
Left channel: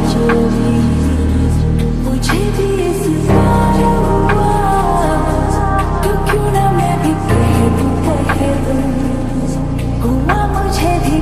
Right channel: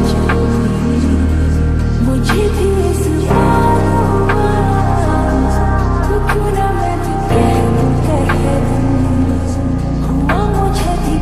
मुझे भी इस बार हुआ तो क्यों ना मैं भी कह दूं हुआ मुझे भी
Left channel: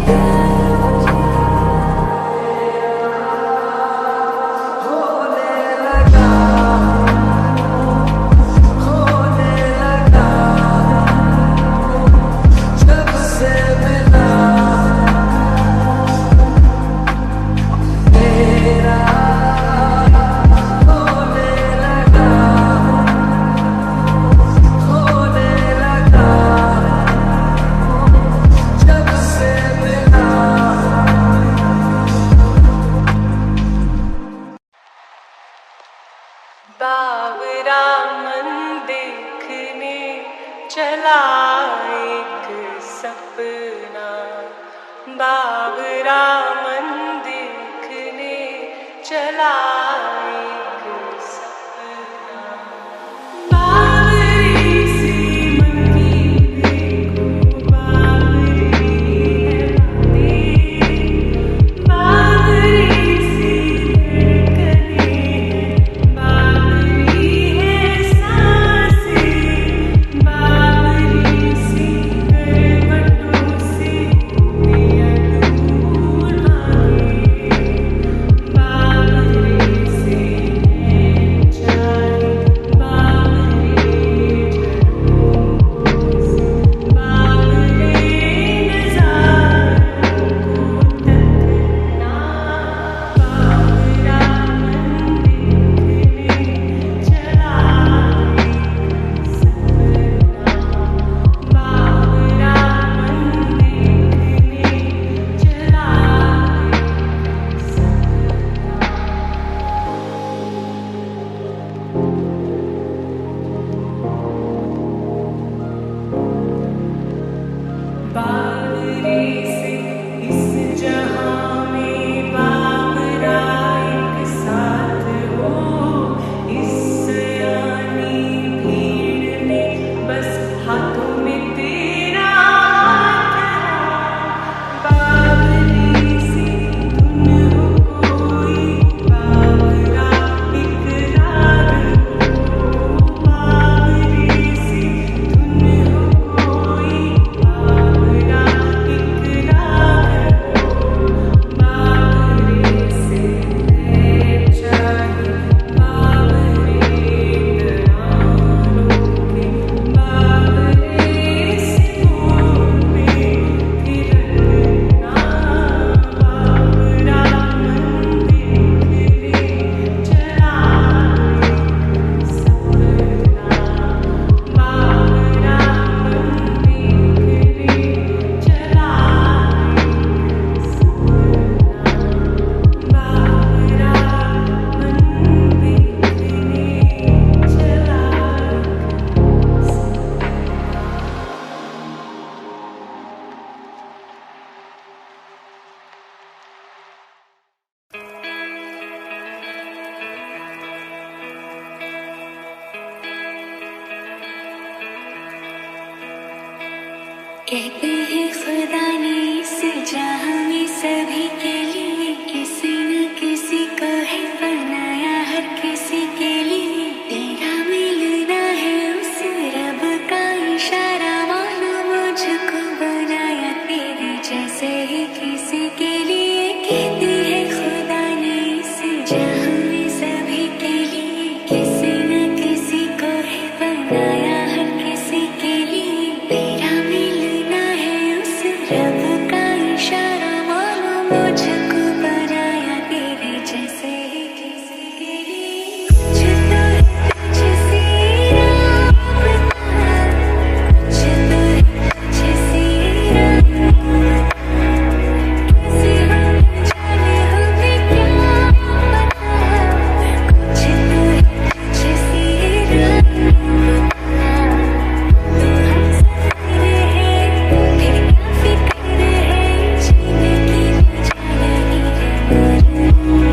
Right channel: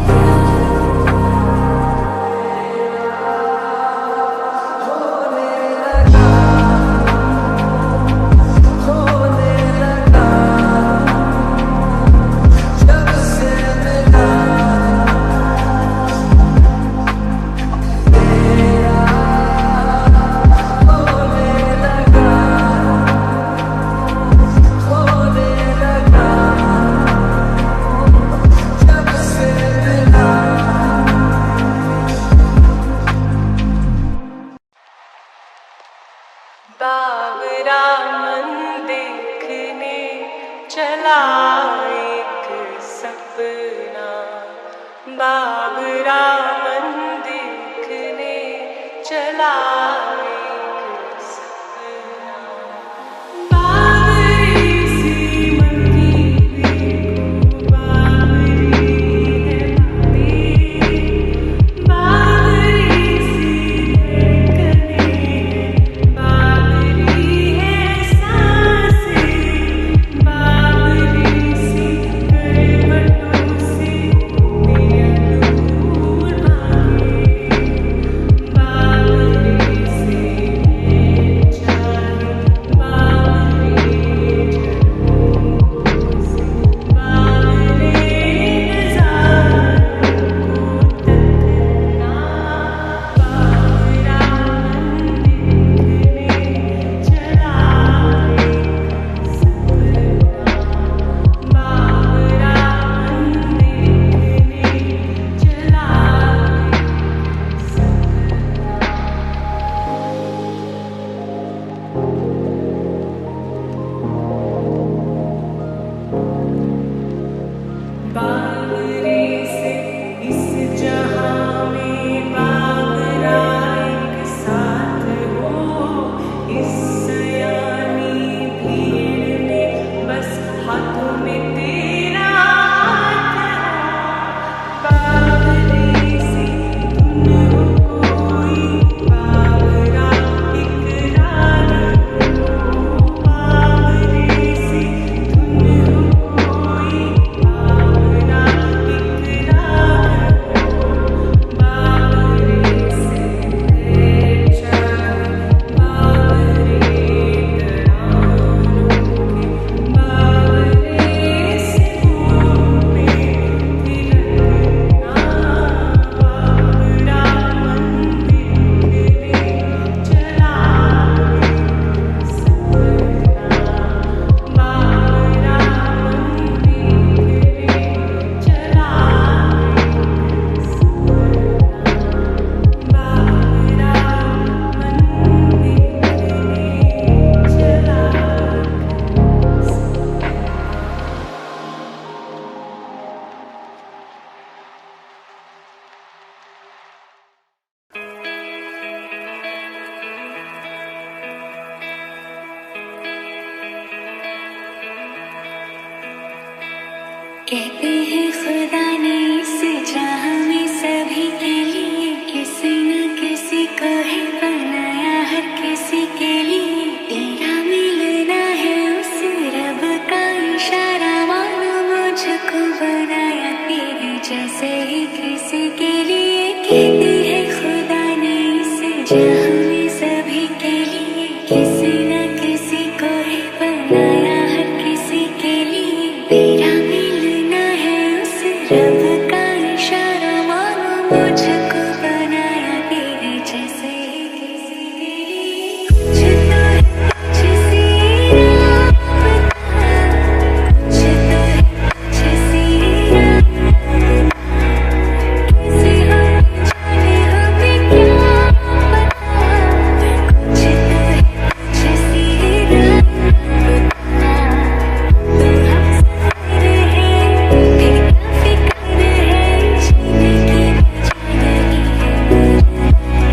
कहते हैं खुदा ने इस जहां में सभी के लिए किसी न किसी को है बनाया, हर किसी के लिए तेरा मिलना है उस रब का इशारा, मानो मुझको बनाया तेरे जैसे ही किसी के लिए। कहते हैं खुदा ने इस जहां में सभी के लिए किसी न किसी को है बनाया, हर किसी के लिए तेरा मिलना है उस रब का इशारा, मानो मुझको बनाया तेरे जैसे ही किसी के लिए। कुछ तो है तुझसे राबता, कुछ तो है तुझसे राबता, कैसे हम जाने हमें क्या पता। कुछ तो है तुझसे राबता, तो हम सफर है फिर क्या फिक्र है, जीने की वजह यही है मरना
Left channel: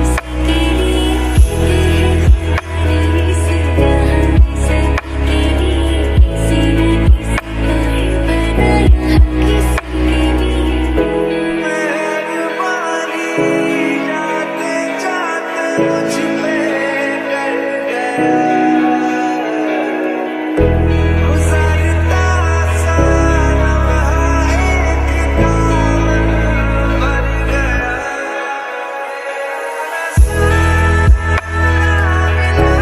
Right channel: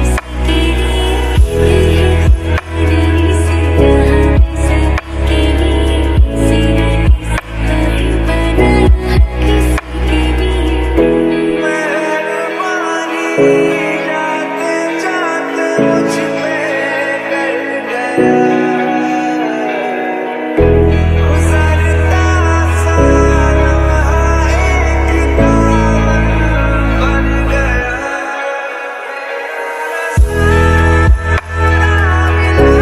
इसी के लिए। कहते हैं खुदा ने इस राह में सभी के लिए किसी न किसी को है बनाया, हर किसी के लिए। मेहरबानी जाते जाते मुझ पे कर गया, गुजरता सा लम्हा एक दामन भर गया। सारा मिला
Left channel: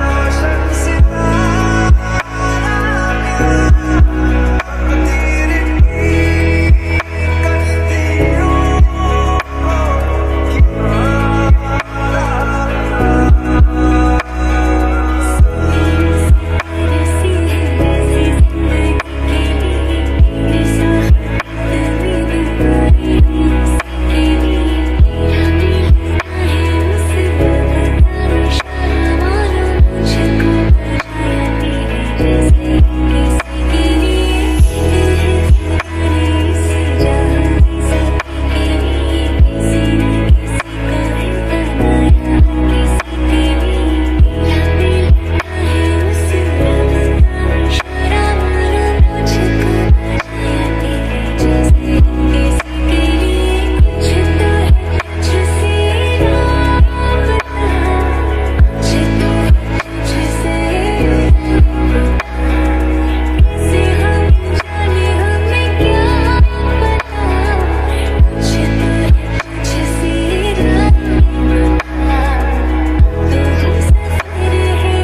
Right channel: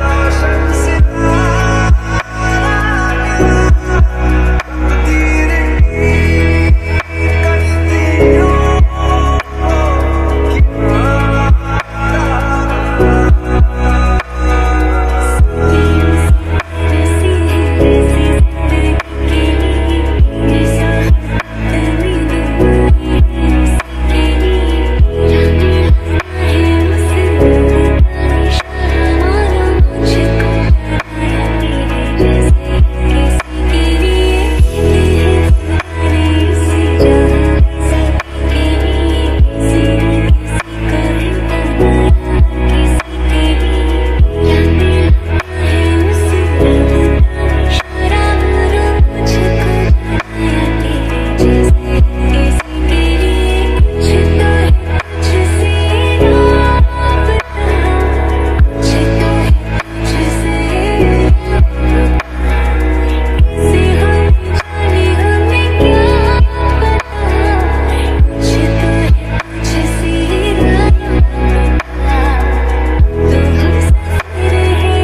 रोशन सितारा मिला, तकदीर की कश्तियों को किनारा मिला। बरसी है ऐसी जिंदगी के लिए, ये सोहबत में दुआएं हैं उसी के लिए। तेरा मिलना है उस रब का इशारा, मानो मुझको बनाया तेरे जैसे किसी के लिए। कहते हैं खुदा ने इस जहां में सभी के लिए किसी न किसी को है बनाया, हर किसी के लिए तेरा मिलना है उस रब का इशारा, मानो मुझको बनाया तेरे जैसे किसी के लिए। कुछ तो है तुझसे राबता, कुछ तो है तुझसे राबता, कैसे हम जाने हमें क्या पता। कुछ तो है तुझसे राबता, तो हम सफर है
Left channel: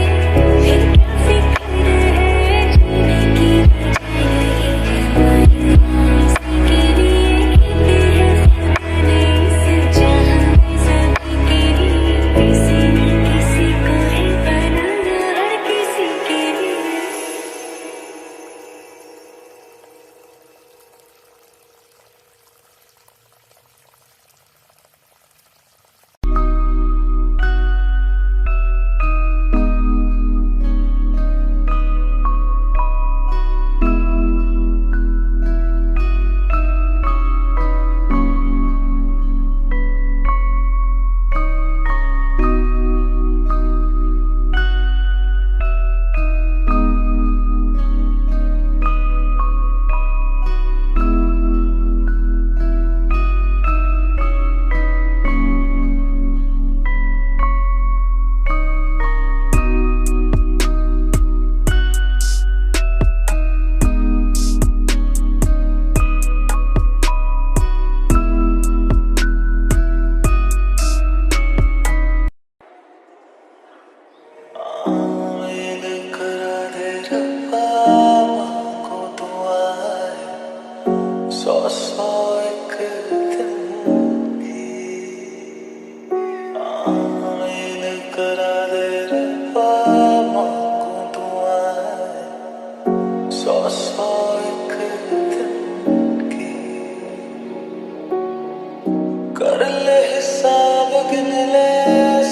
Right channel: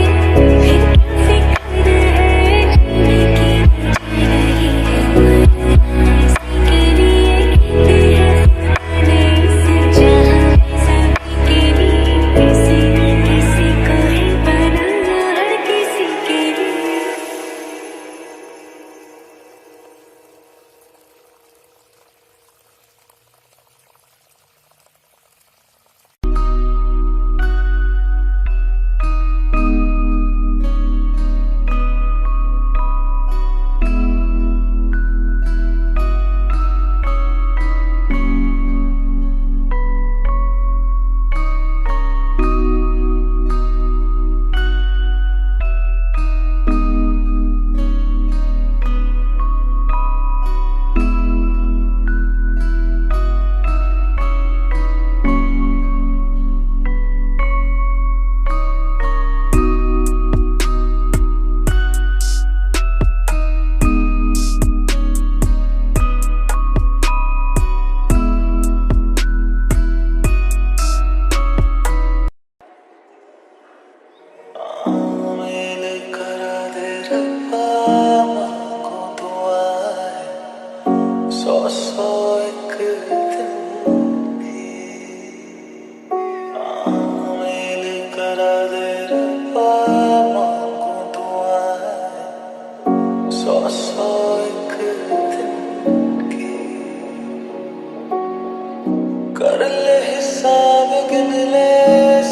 फिर क्या फिक्र है, जीने की वजह यही है मरना इसी के लिए। कहते हैं खुदा ने इस जहां में सभी के लिए किसी न किसी को है बनाया, हर किसी के लिए। आमिल करा दे रब्बा मांगो दुआएं, सौ सौ एक दिन की। आमिल करा दे रब्बा मांगो दुआएं, सौ सौ एक दिन की। कर ले हिसाब गिन ले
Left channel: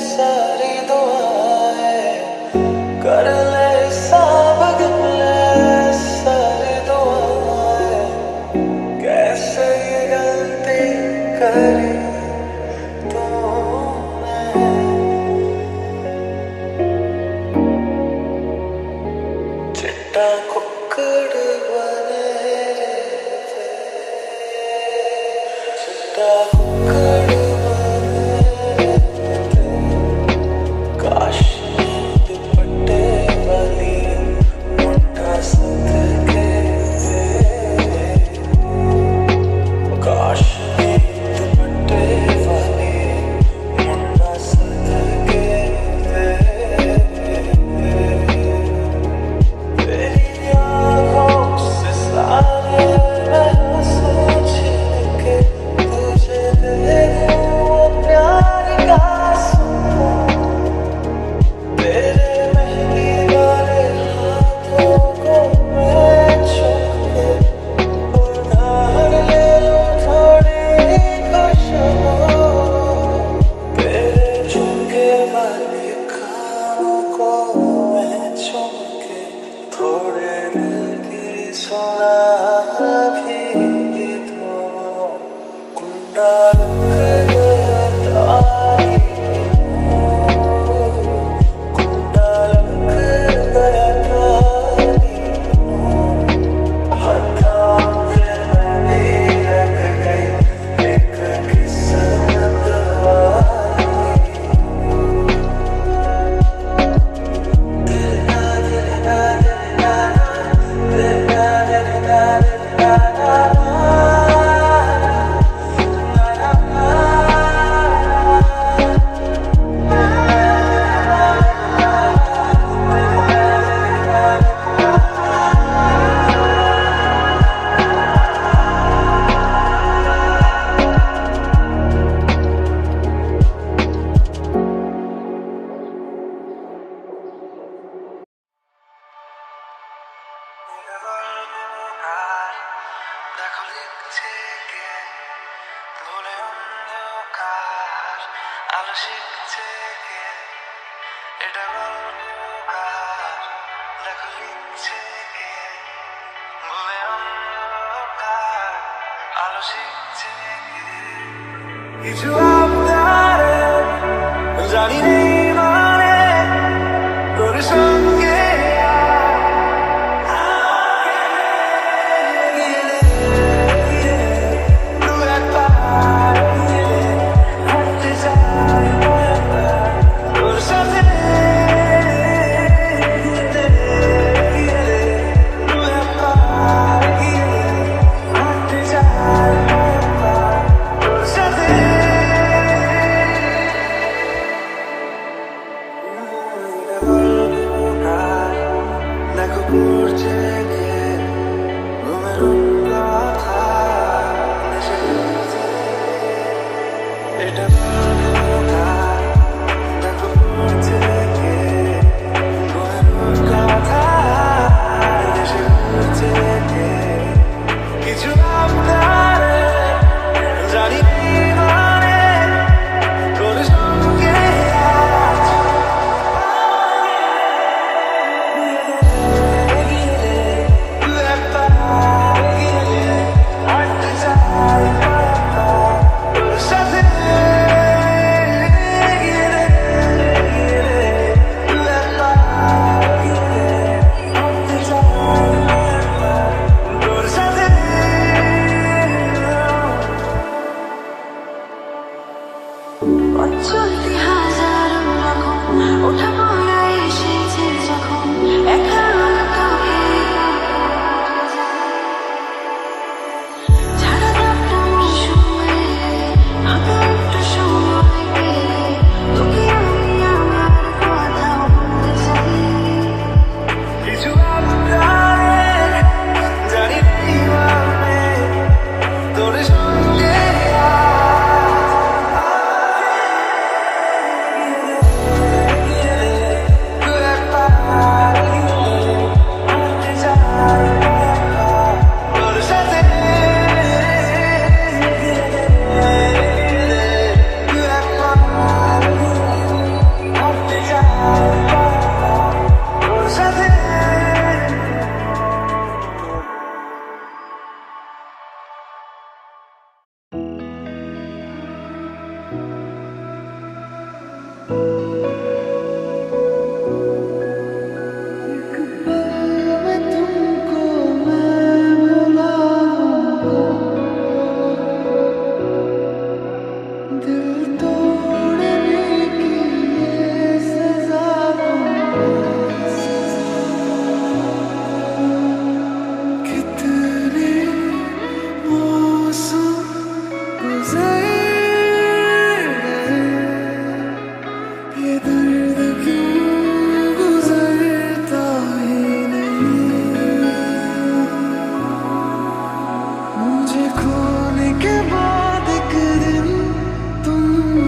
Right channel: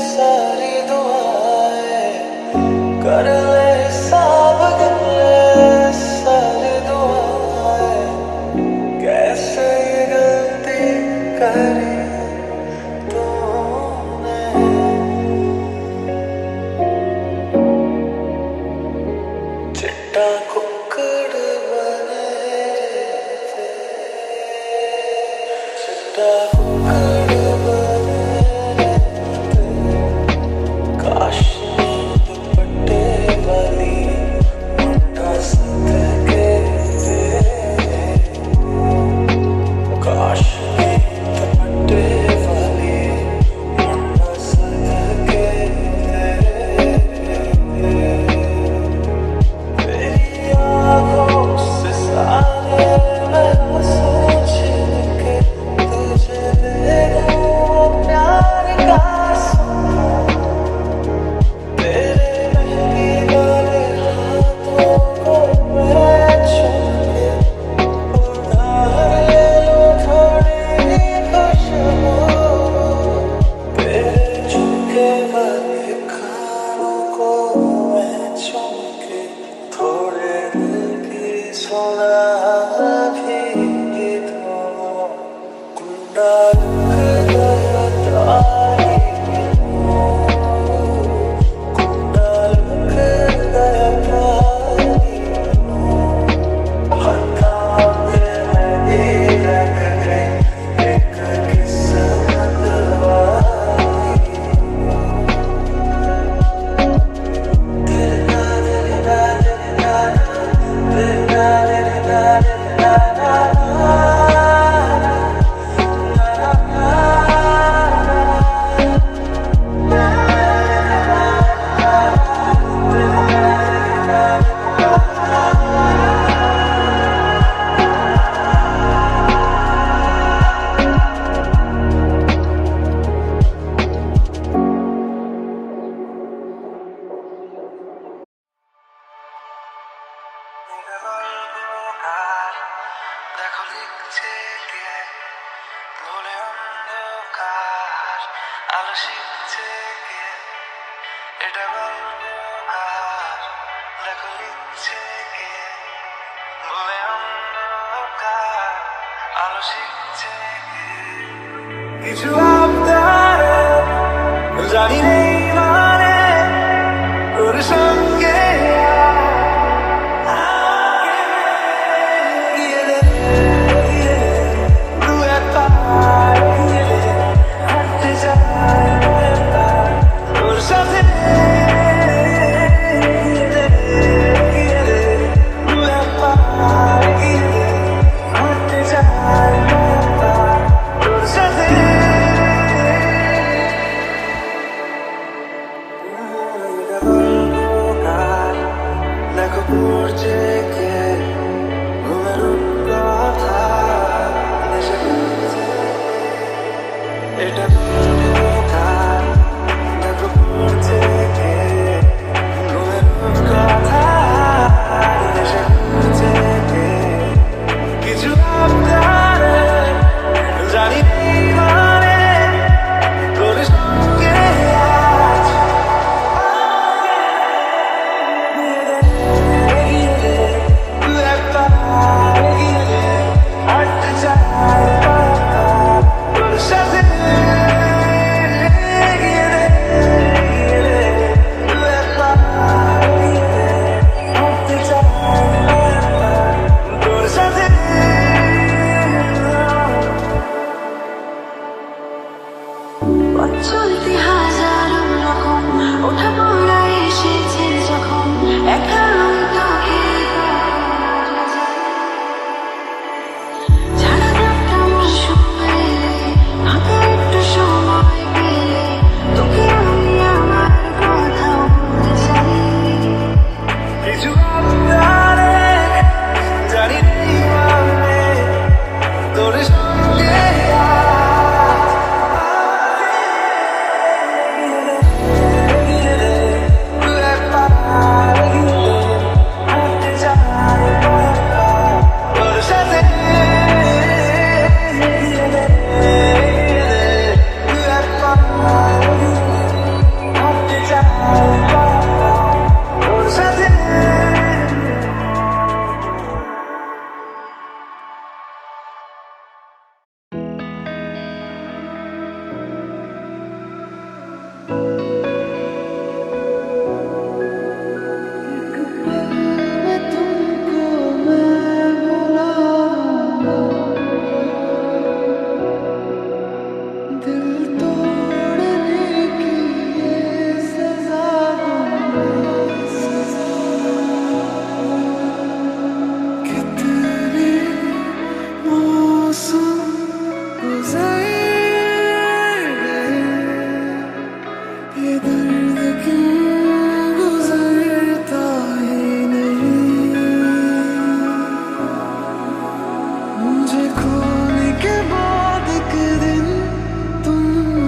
सारी दुआएं, कर ले हिसाब गिन ले सारी दुआएं, कैसे ये गलती करी तूने। चिट्टा कुक्कड़ बने আলো শিখছে কে এটা গল্প কার দেখো লিখছে কে ভুলে অন্ধকার আলো শিখছে কে কিছু আবদারে জানি নেই মানে তোর সঙ্গে এটা বলকার দেখো পড়ছে কে ঘুমের কথা দেশে ঘুরছে কে কিছু আবদারে জানি নেই মানে তোর সঙ্গে আজ তুই একটা গিয়ে হাঁটতে চাই তোর সাথে চলতে হাজারো রকম ওঠা পড়া এসেছে যখন একা আমি তোকে ছাড়া দাপটা মৌসুমে ফাঁকা একটু সময় পেলে তোকে আমি আমার কথা বলতে চাই কিছু আবদারে জানি নেই মানে তোর সঙ্গে मुझे खोने के बाद एक दिन तुम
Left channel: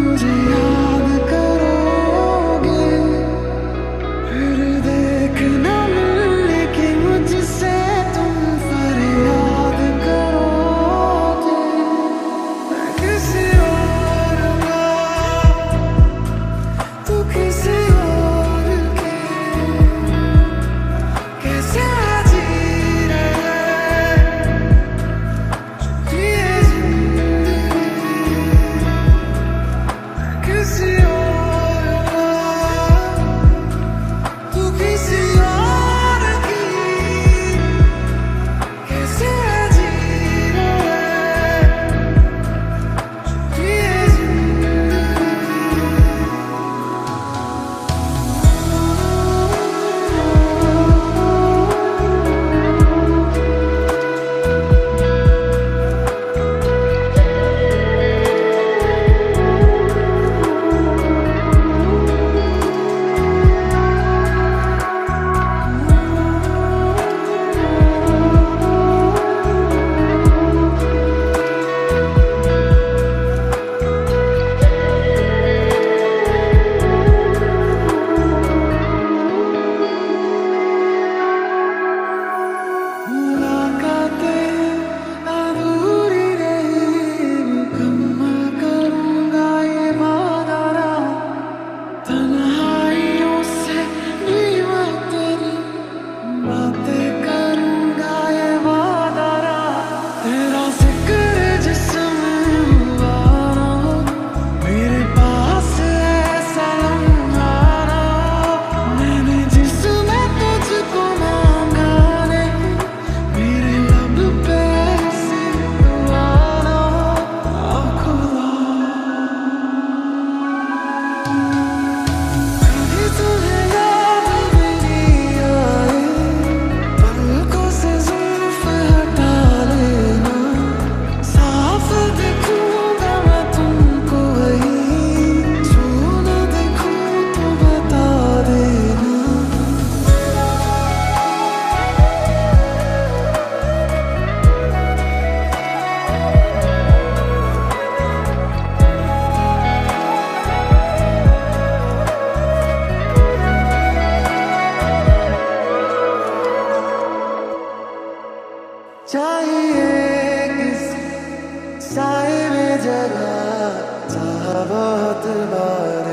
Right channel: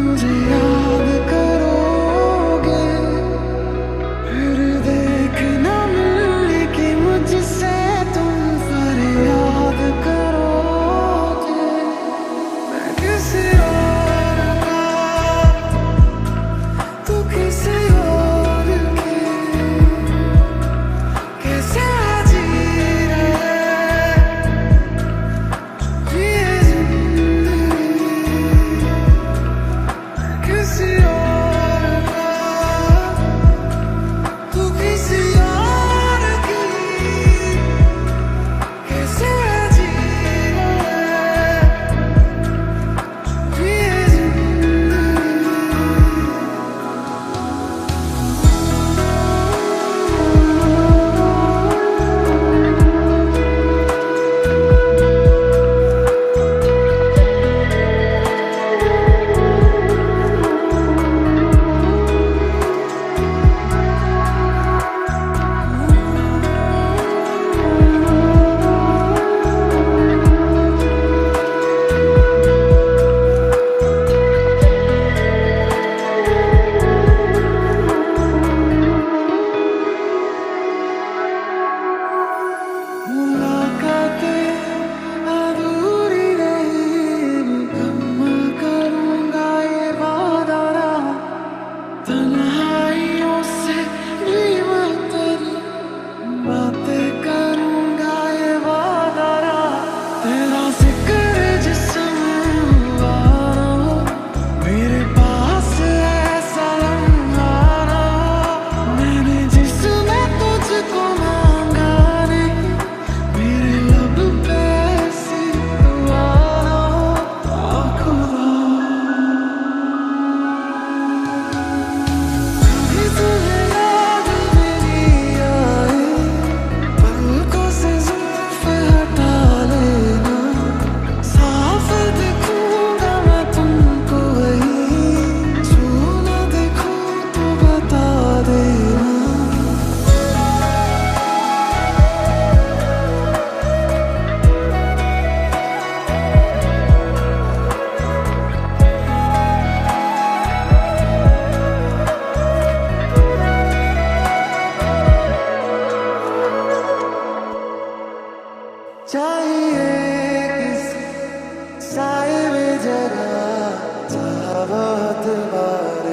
बहुत बार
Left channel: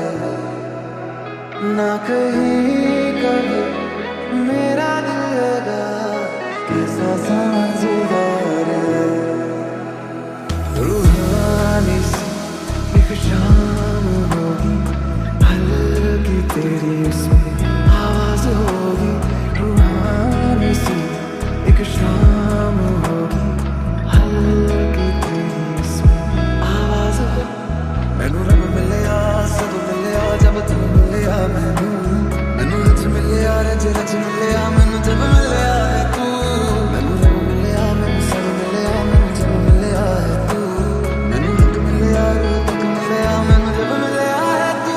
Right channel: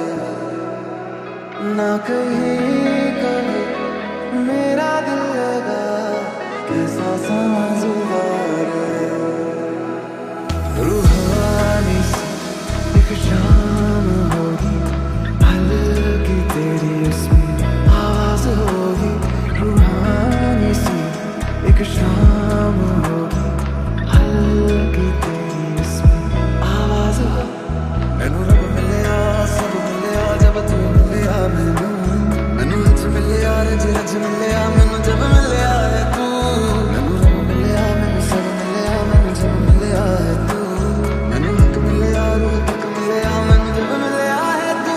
ना कहीं कभी मेरा दिल लगा कैसा समझदार रूहानी सी एक शाम होगी हल्की तेरी उसमें आवाज होगी रूहानी सी एक शाम होगी हल्की तेरी उसमें आवाज हो मैनू रब मिलिया सब मिलिया जब तू मिलिया मैनू हज मिलिया रज रज मिलिया मैनू जब मिलिया है तू मैनू रब मिलिया मैनू सब मिलिया मैनू जब मिलिया है तू मैनू हक मिलिया रूह तक मिलिया मैनू जब मिलिया है तू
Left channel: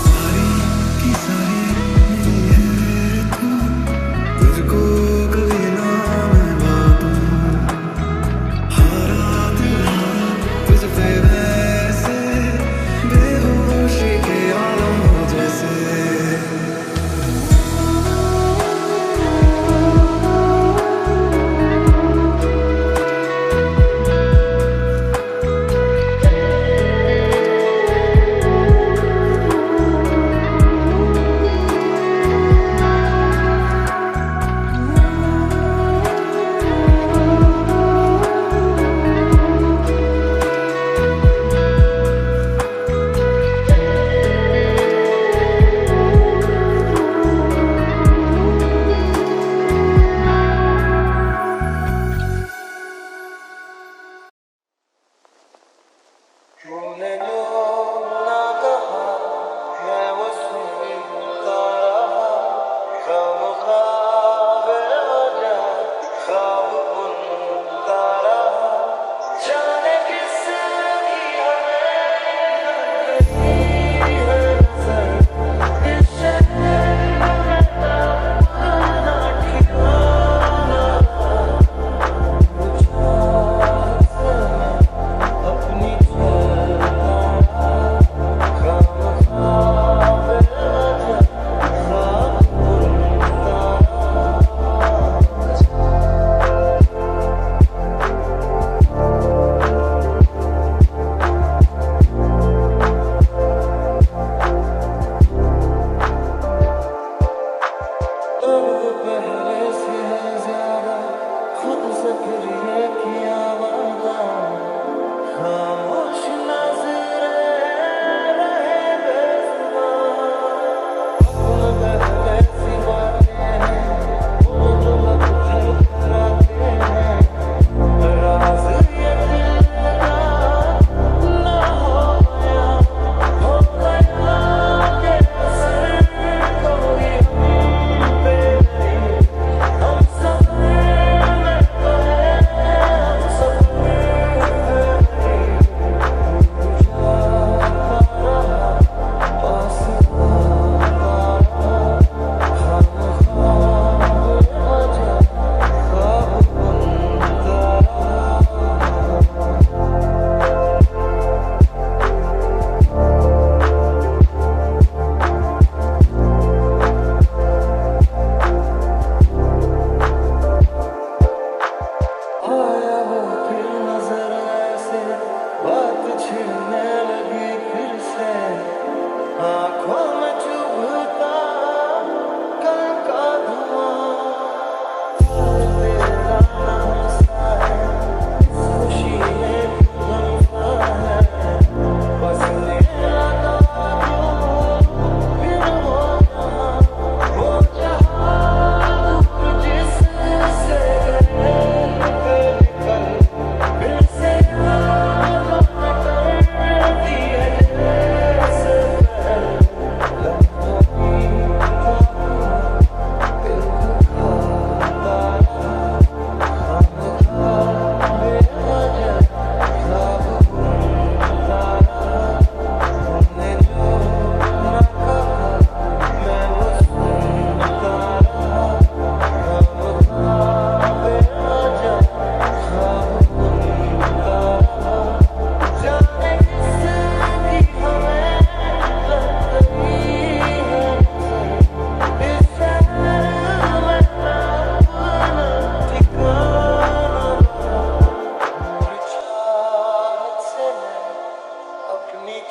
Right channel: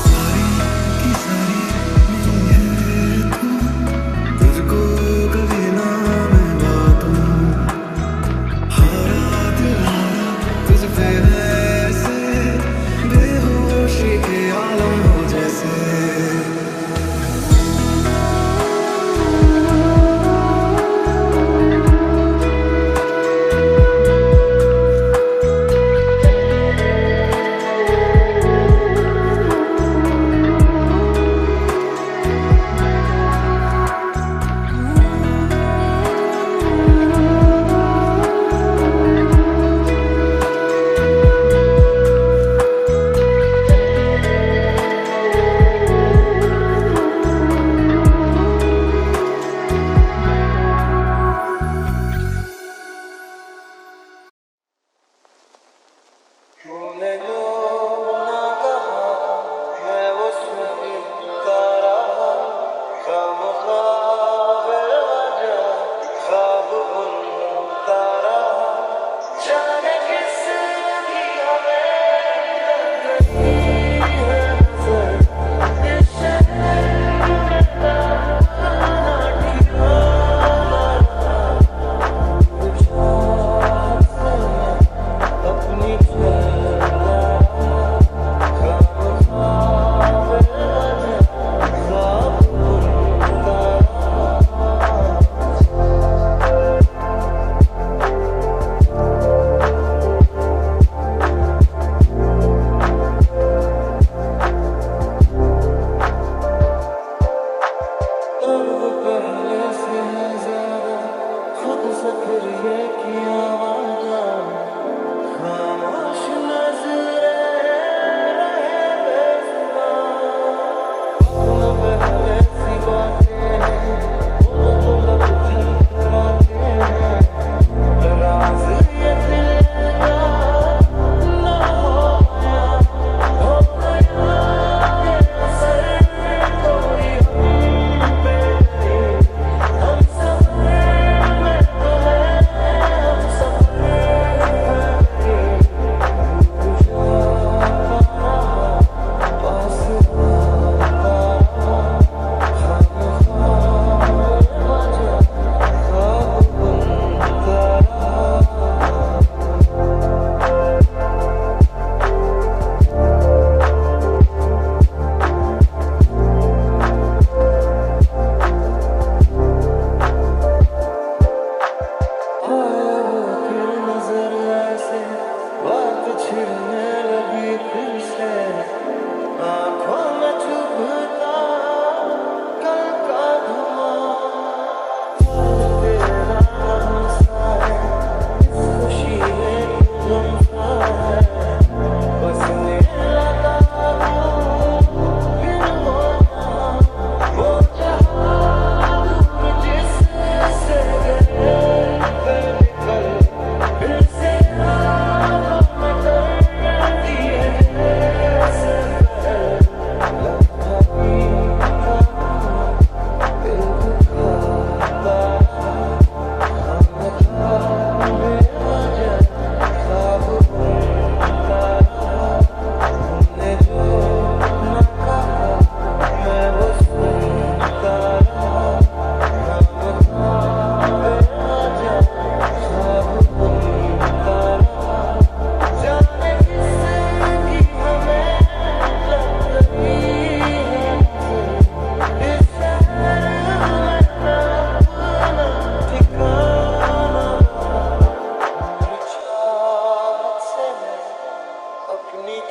सारी की सारी मिली है तू तुझको कभी ना मैं बातूं हारा दिल हारा तुझ पे वैसे बेहोशी के आलम हो जैसे तूने जो ना कहा मैं वो सुनता रहा खामख्वाह बेवजह ख्वाब बुनता रहा जाने किस की हमें लग गई है नजर इस शहर में अपना ठिकाना रहा चाहत से मैं अपनी खामख्वाह बेवजह ख्वाब बुनता रहा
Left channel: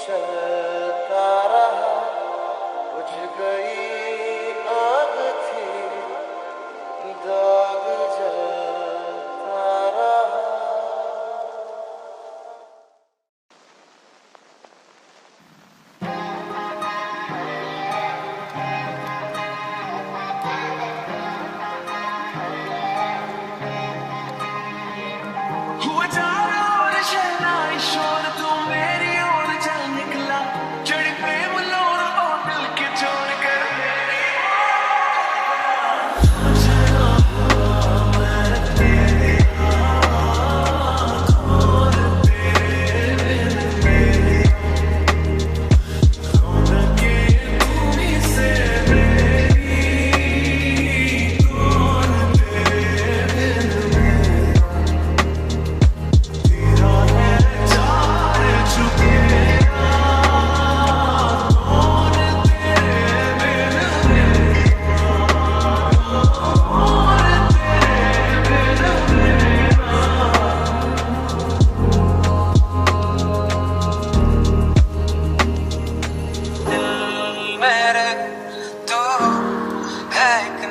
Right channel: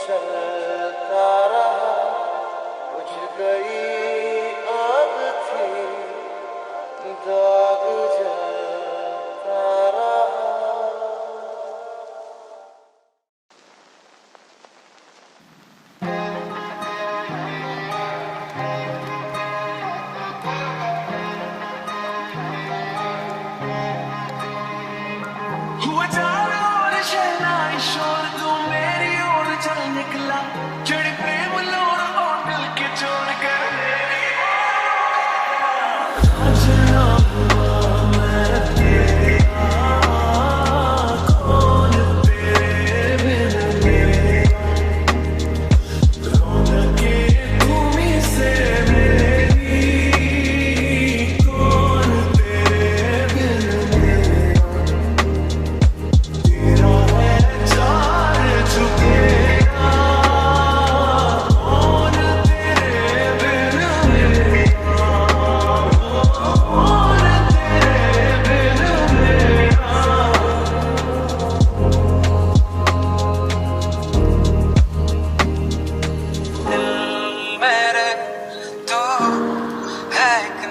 चलता रहा, बुझ गई आग थी, दाग जलता रहा। हुआ चारों ओर शहनाई शोर, तू मेरी ओर चल निकला, चढ़ी प्रेम लोर और दिल के जोड़ कर मेरी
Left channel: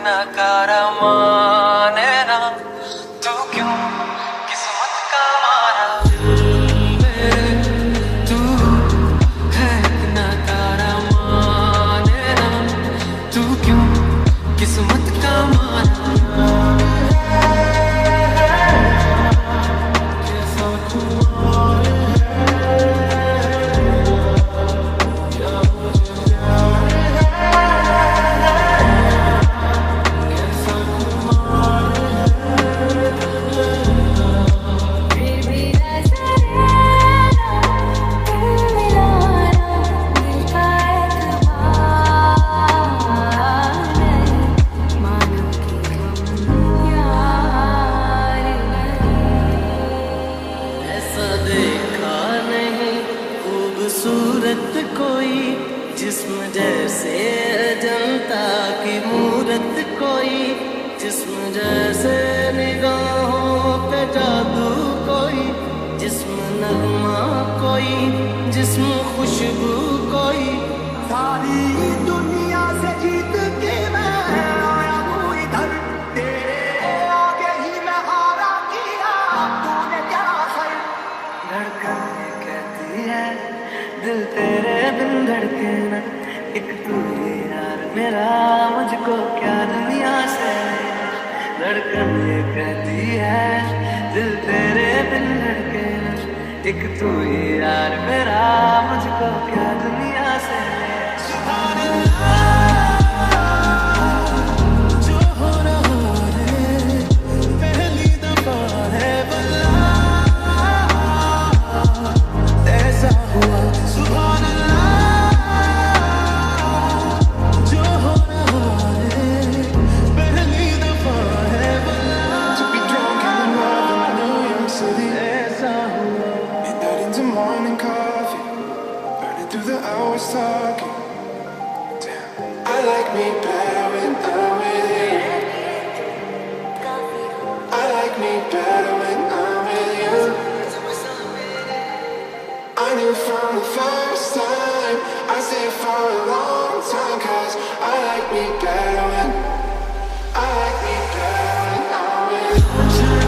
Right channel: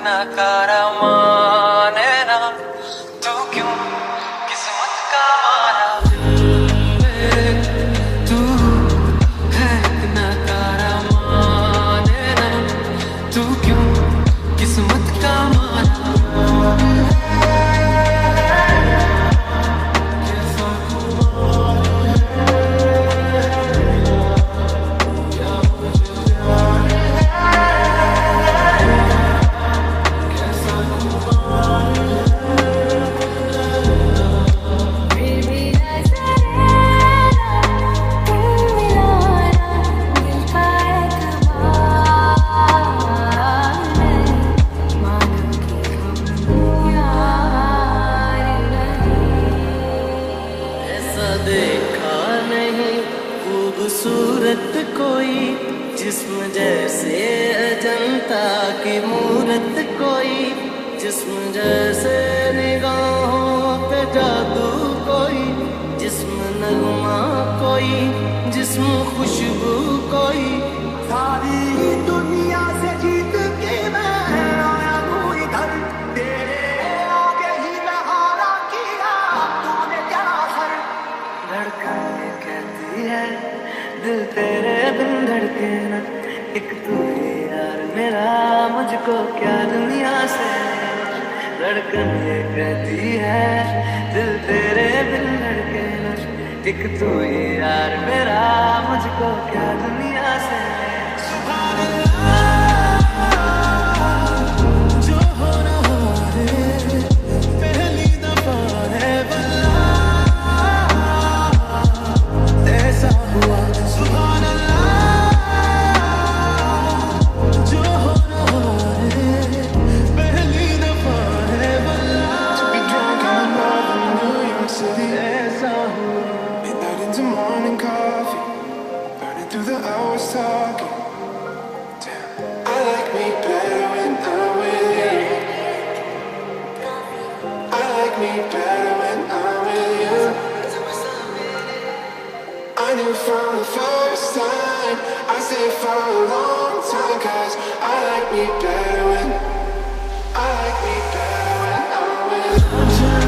नकारा माने ना, तू क्यों किस्मत का मारा। दिल मेरे तू है एक नकारा माने ना, तू क्यों किस्मत का मारा। देखा नहीं खूबसूरत कोई, जिस्म जैसे अजंता की मूरत कोई, जिस्म जैसे निगाहों पे जादू कोई, जिस्म नगमा कोई, जिस्म खुशबू कोई। सारी दुनिया से जीत के मैं आया हूँ इधर, तेरे आगे ही मैं हारा किया, तूने क्या असर। धड़कन ये कहती है दिल तेरे बिन धड़के ना, एक तू ही यार मेरा, मुझको क्या दुनिया से लेना। धड़कन ये कहती है दिल तेरे बिन धड़के ना, एक तू ही यार मेरा, मुझको क्या दुनिया से लेना। सुभान अल्लाह, जो हो रहा है पहली दफा है वल्लाह, ऐसा हुआ। सुभान अल्लाह, जो हो रहा है पहली दफा है वल्लाह। To be drunk in the love of New York City, ऐसा हुआ। Midnight into morning coffee, burning through the hours talking. Damn, I like me better when I'm with you. I like me better when I'm with you. I knew from the first time, I stayed for a long time, 'cause I like me better when I'm with you.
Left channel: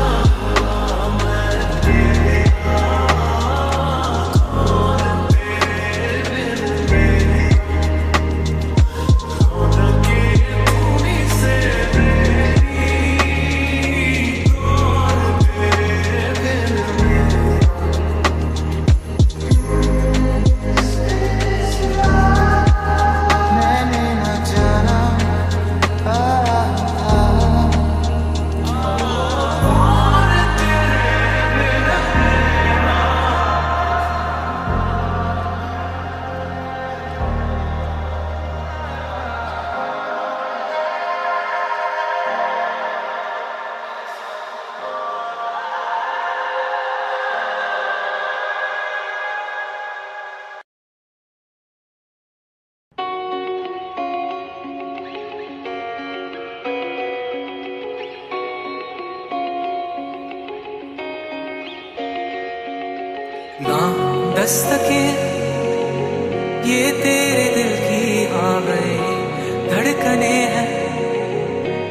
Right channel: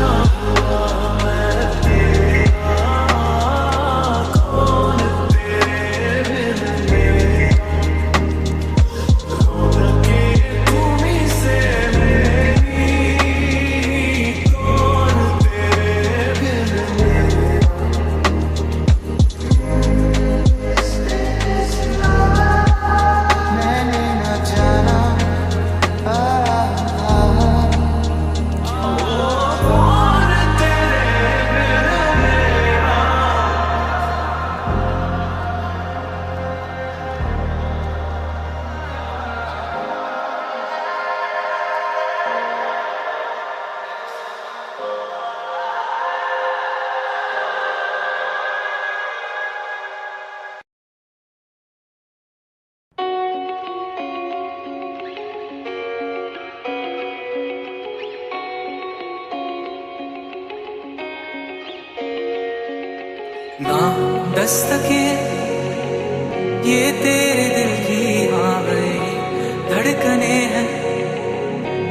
ना दस्तके ये तेरे दिल की हाँ गई धड़कने हैं,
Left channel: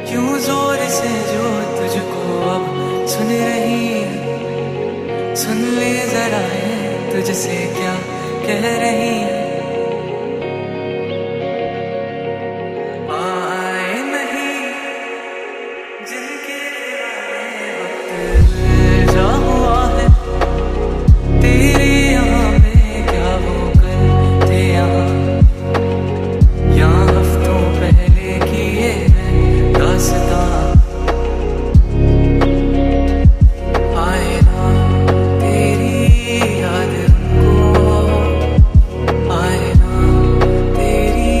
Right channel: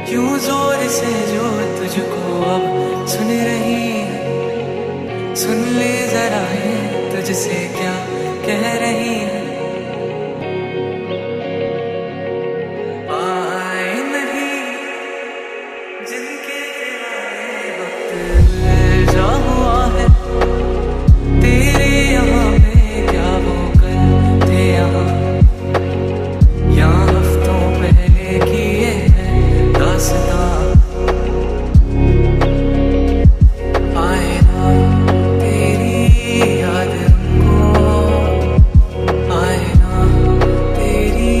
क्यों जोर से जो तुझको अब सुन रही है। सुन ले जरा ये तुझसे क्या कह रही है। आए नहीं जिनके दीवाने वक्त जा हुआ है, तेरे यहाँ पे क्या वो कल थे यहाँ, यहाँ हफ्तों पहले किए हैं दास्तां। आए ना तेरी याद उनको, आए ना तेरी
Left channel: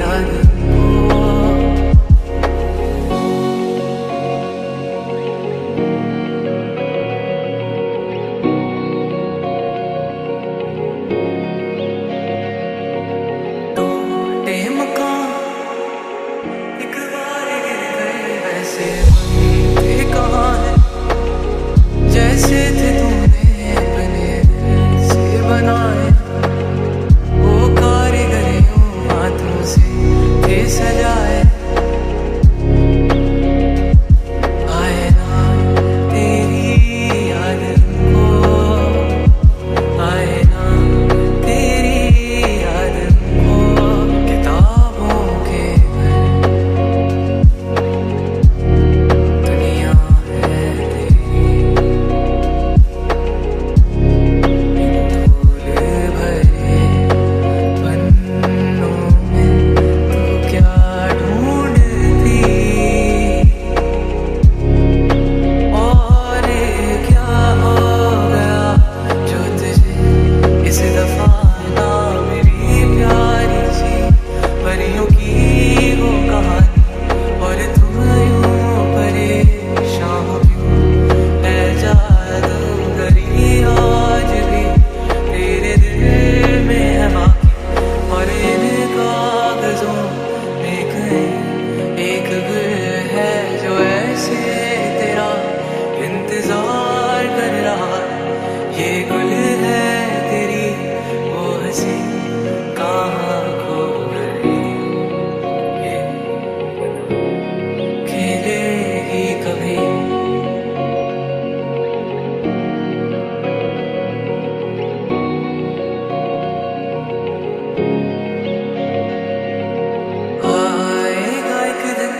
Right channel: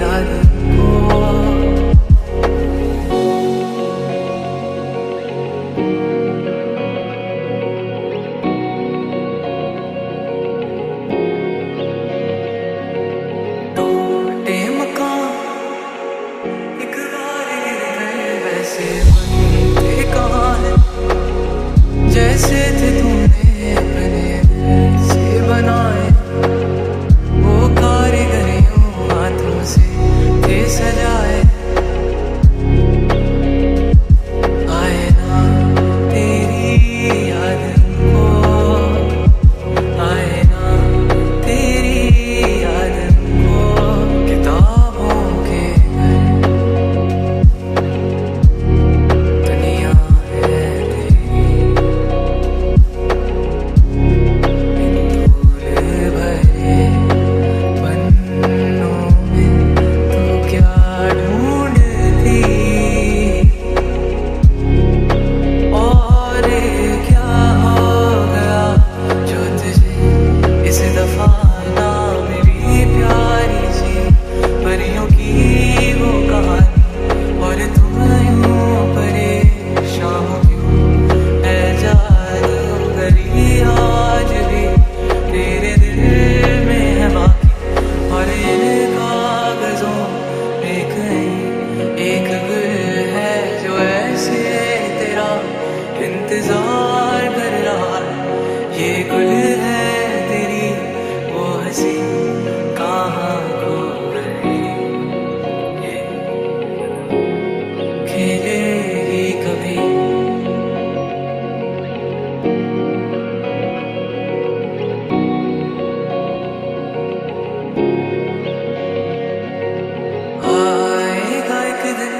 याद उनको। टूटे मकान एक बार गिर गए, वैसे बनते कहाँ है, जैसे थे तूने अपने दिल से बनाए। वो कारीगर यूं हाथों से थे सजाए। आए ना तेरी याद उनको, आए ना तेरी याद उनको। किताबों के घर दुनिया है तेरी, इन धूल भरे पन्नों में तू क्या ढूंढती, और क्या हो गया जो तुझे इस दफा ना मिली प्यारी सी परियों की वो कहानी। और तुम यूं परेशान हो क्यों है जादूगरी, आज भी तेरे दिल में है बाकी। और इन कागजों में कहीं एक गुल है जो ऐसे तेरा इंतजार कर रहा है। ये गुल है तेरी वो हंसी कहाँ खो गई, ये खेलेगी कभी। आएगा एक दिन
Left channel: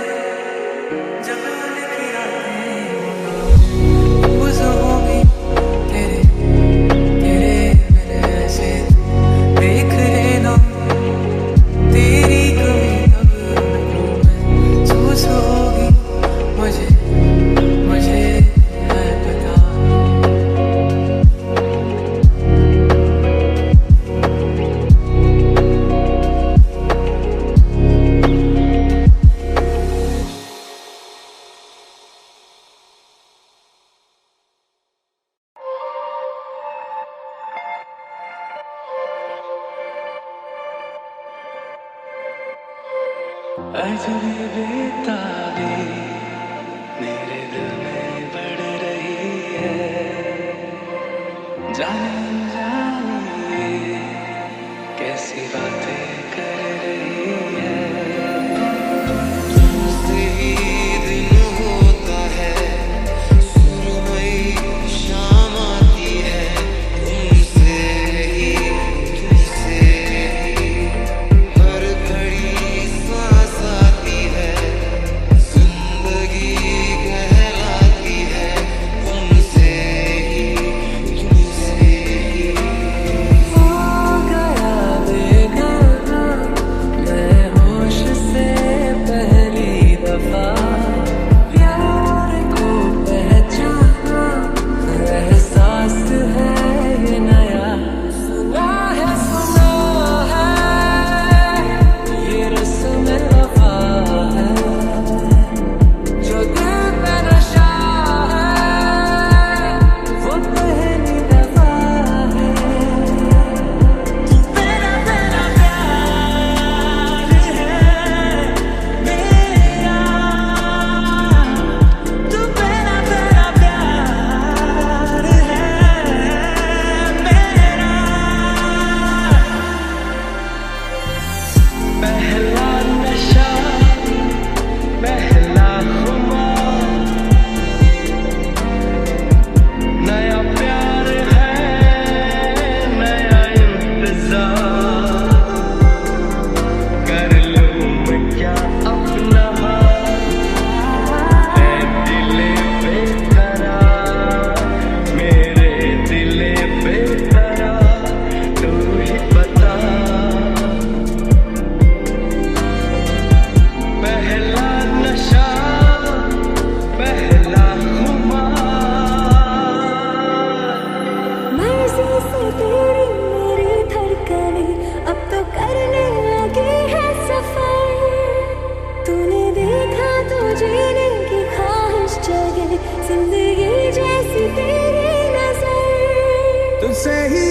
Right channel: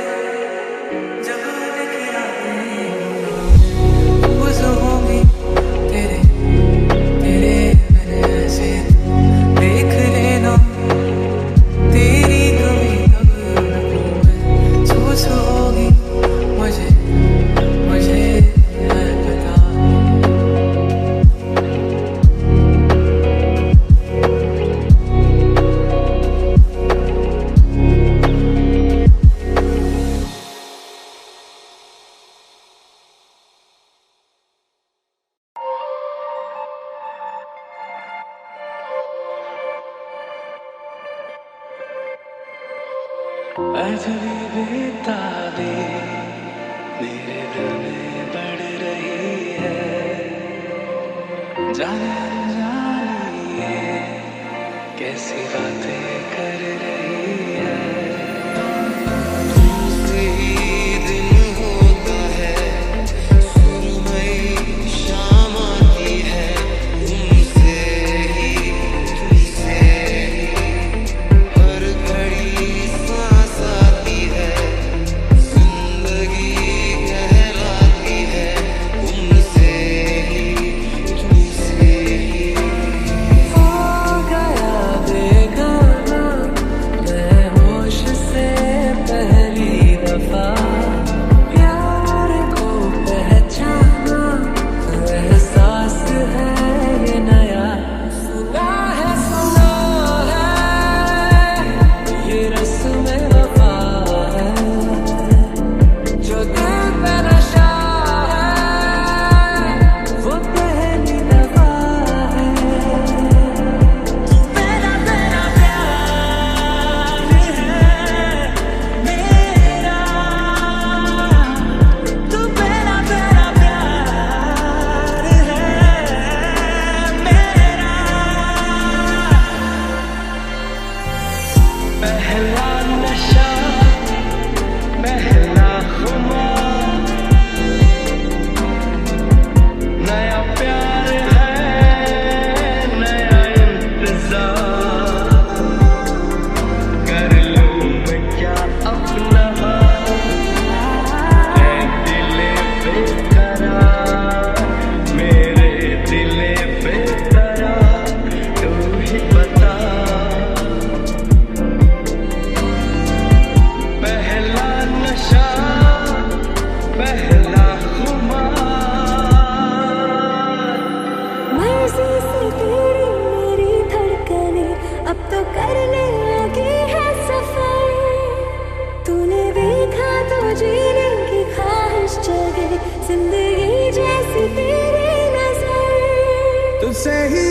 जब उनकी रातें गुज होंगी तेरे तेरे बिन ऐसे देख लेना। तेरी कमी तब उनको महसूस होगी, मुझे मुझे है पता। अजबी बेताबी मेरे दिल में बढ़ रही है, जाने अनजानी ये कैसी बातें कर रही है। तुमसे ही दिन होता है, सुरमई शाम आती है, तुमसे ही हर घड़ी सांस आती है, जिंदगी कहलाती है, तुमसे ही हो गया बेगाना पहला नशा पहला खुमार नया प्यार है नया इंतजार कर लूं मैं क्या अपना हाल ऐ दिले बेकरार मेरे दिले बेकरार तू ही बता पहला नशा पहला खुमार मर्जी से तेरी मेरी धड़कने अब तो करने लगी है सफर तूने देखा तो जीने की ख्वाहिश जगे जिंदगी जैसी तेरी नजर तुझसे ही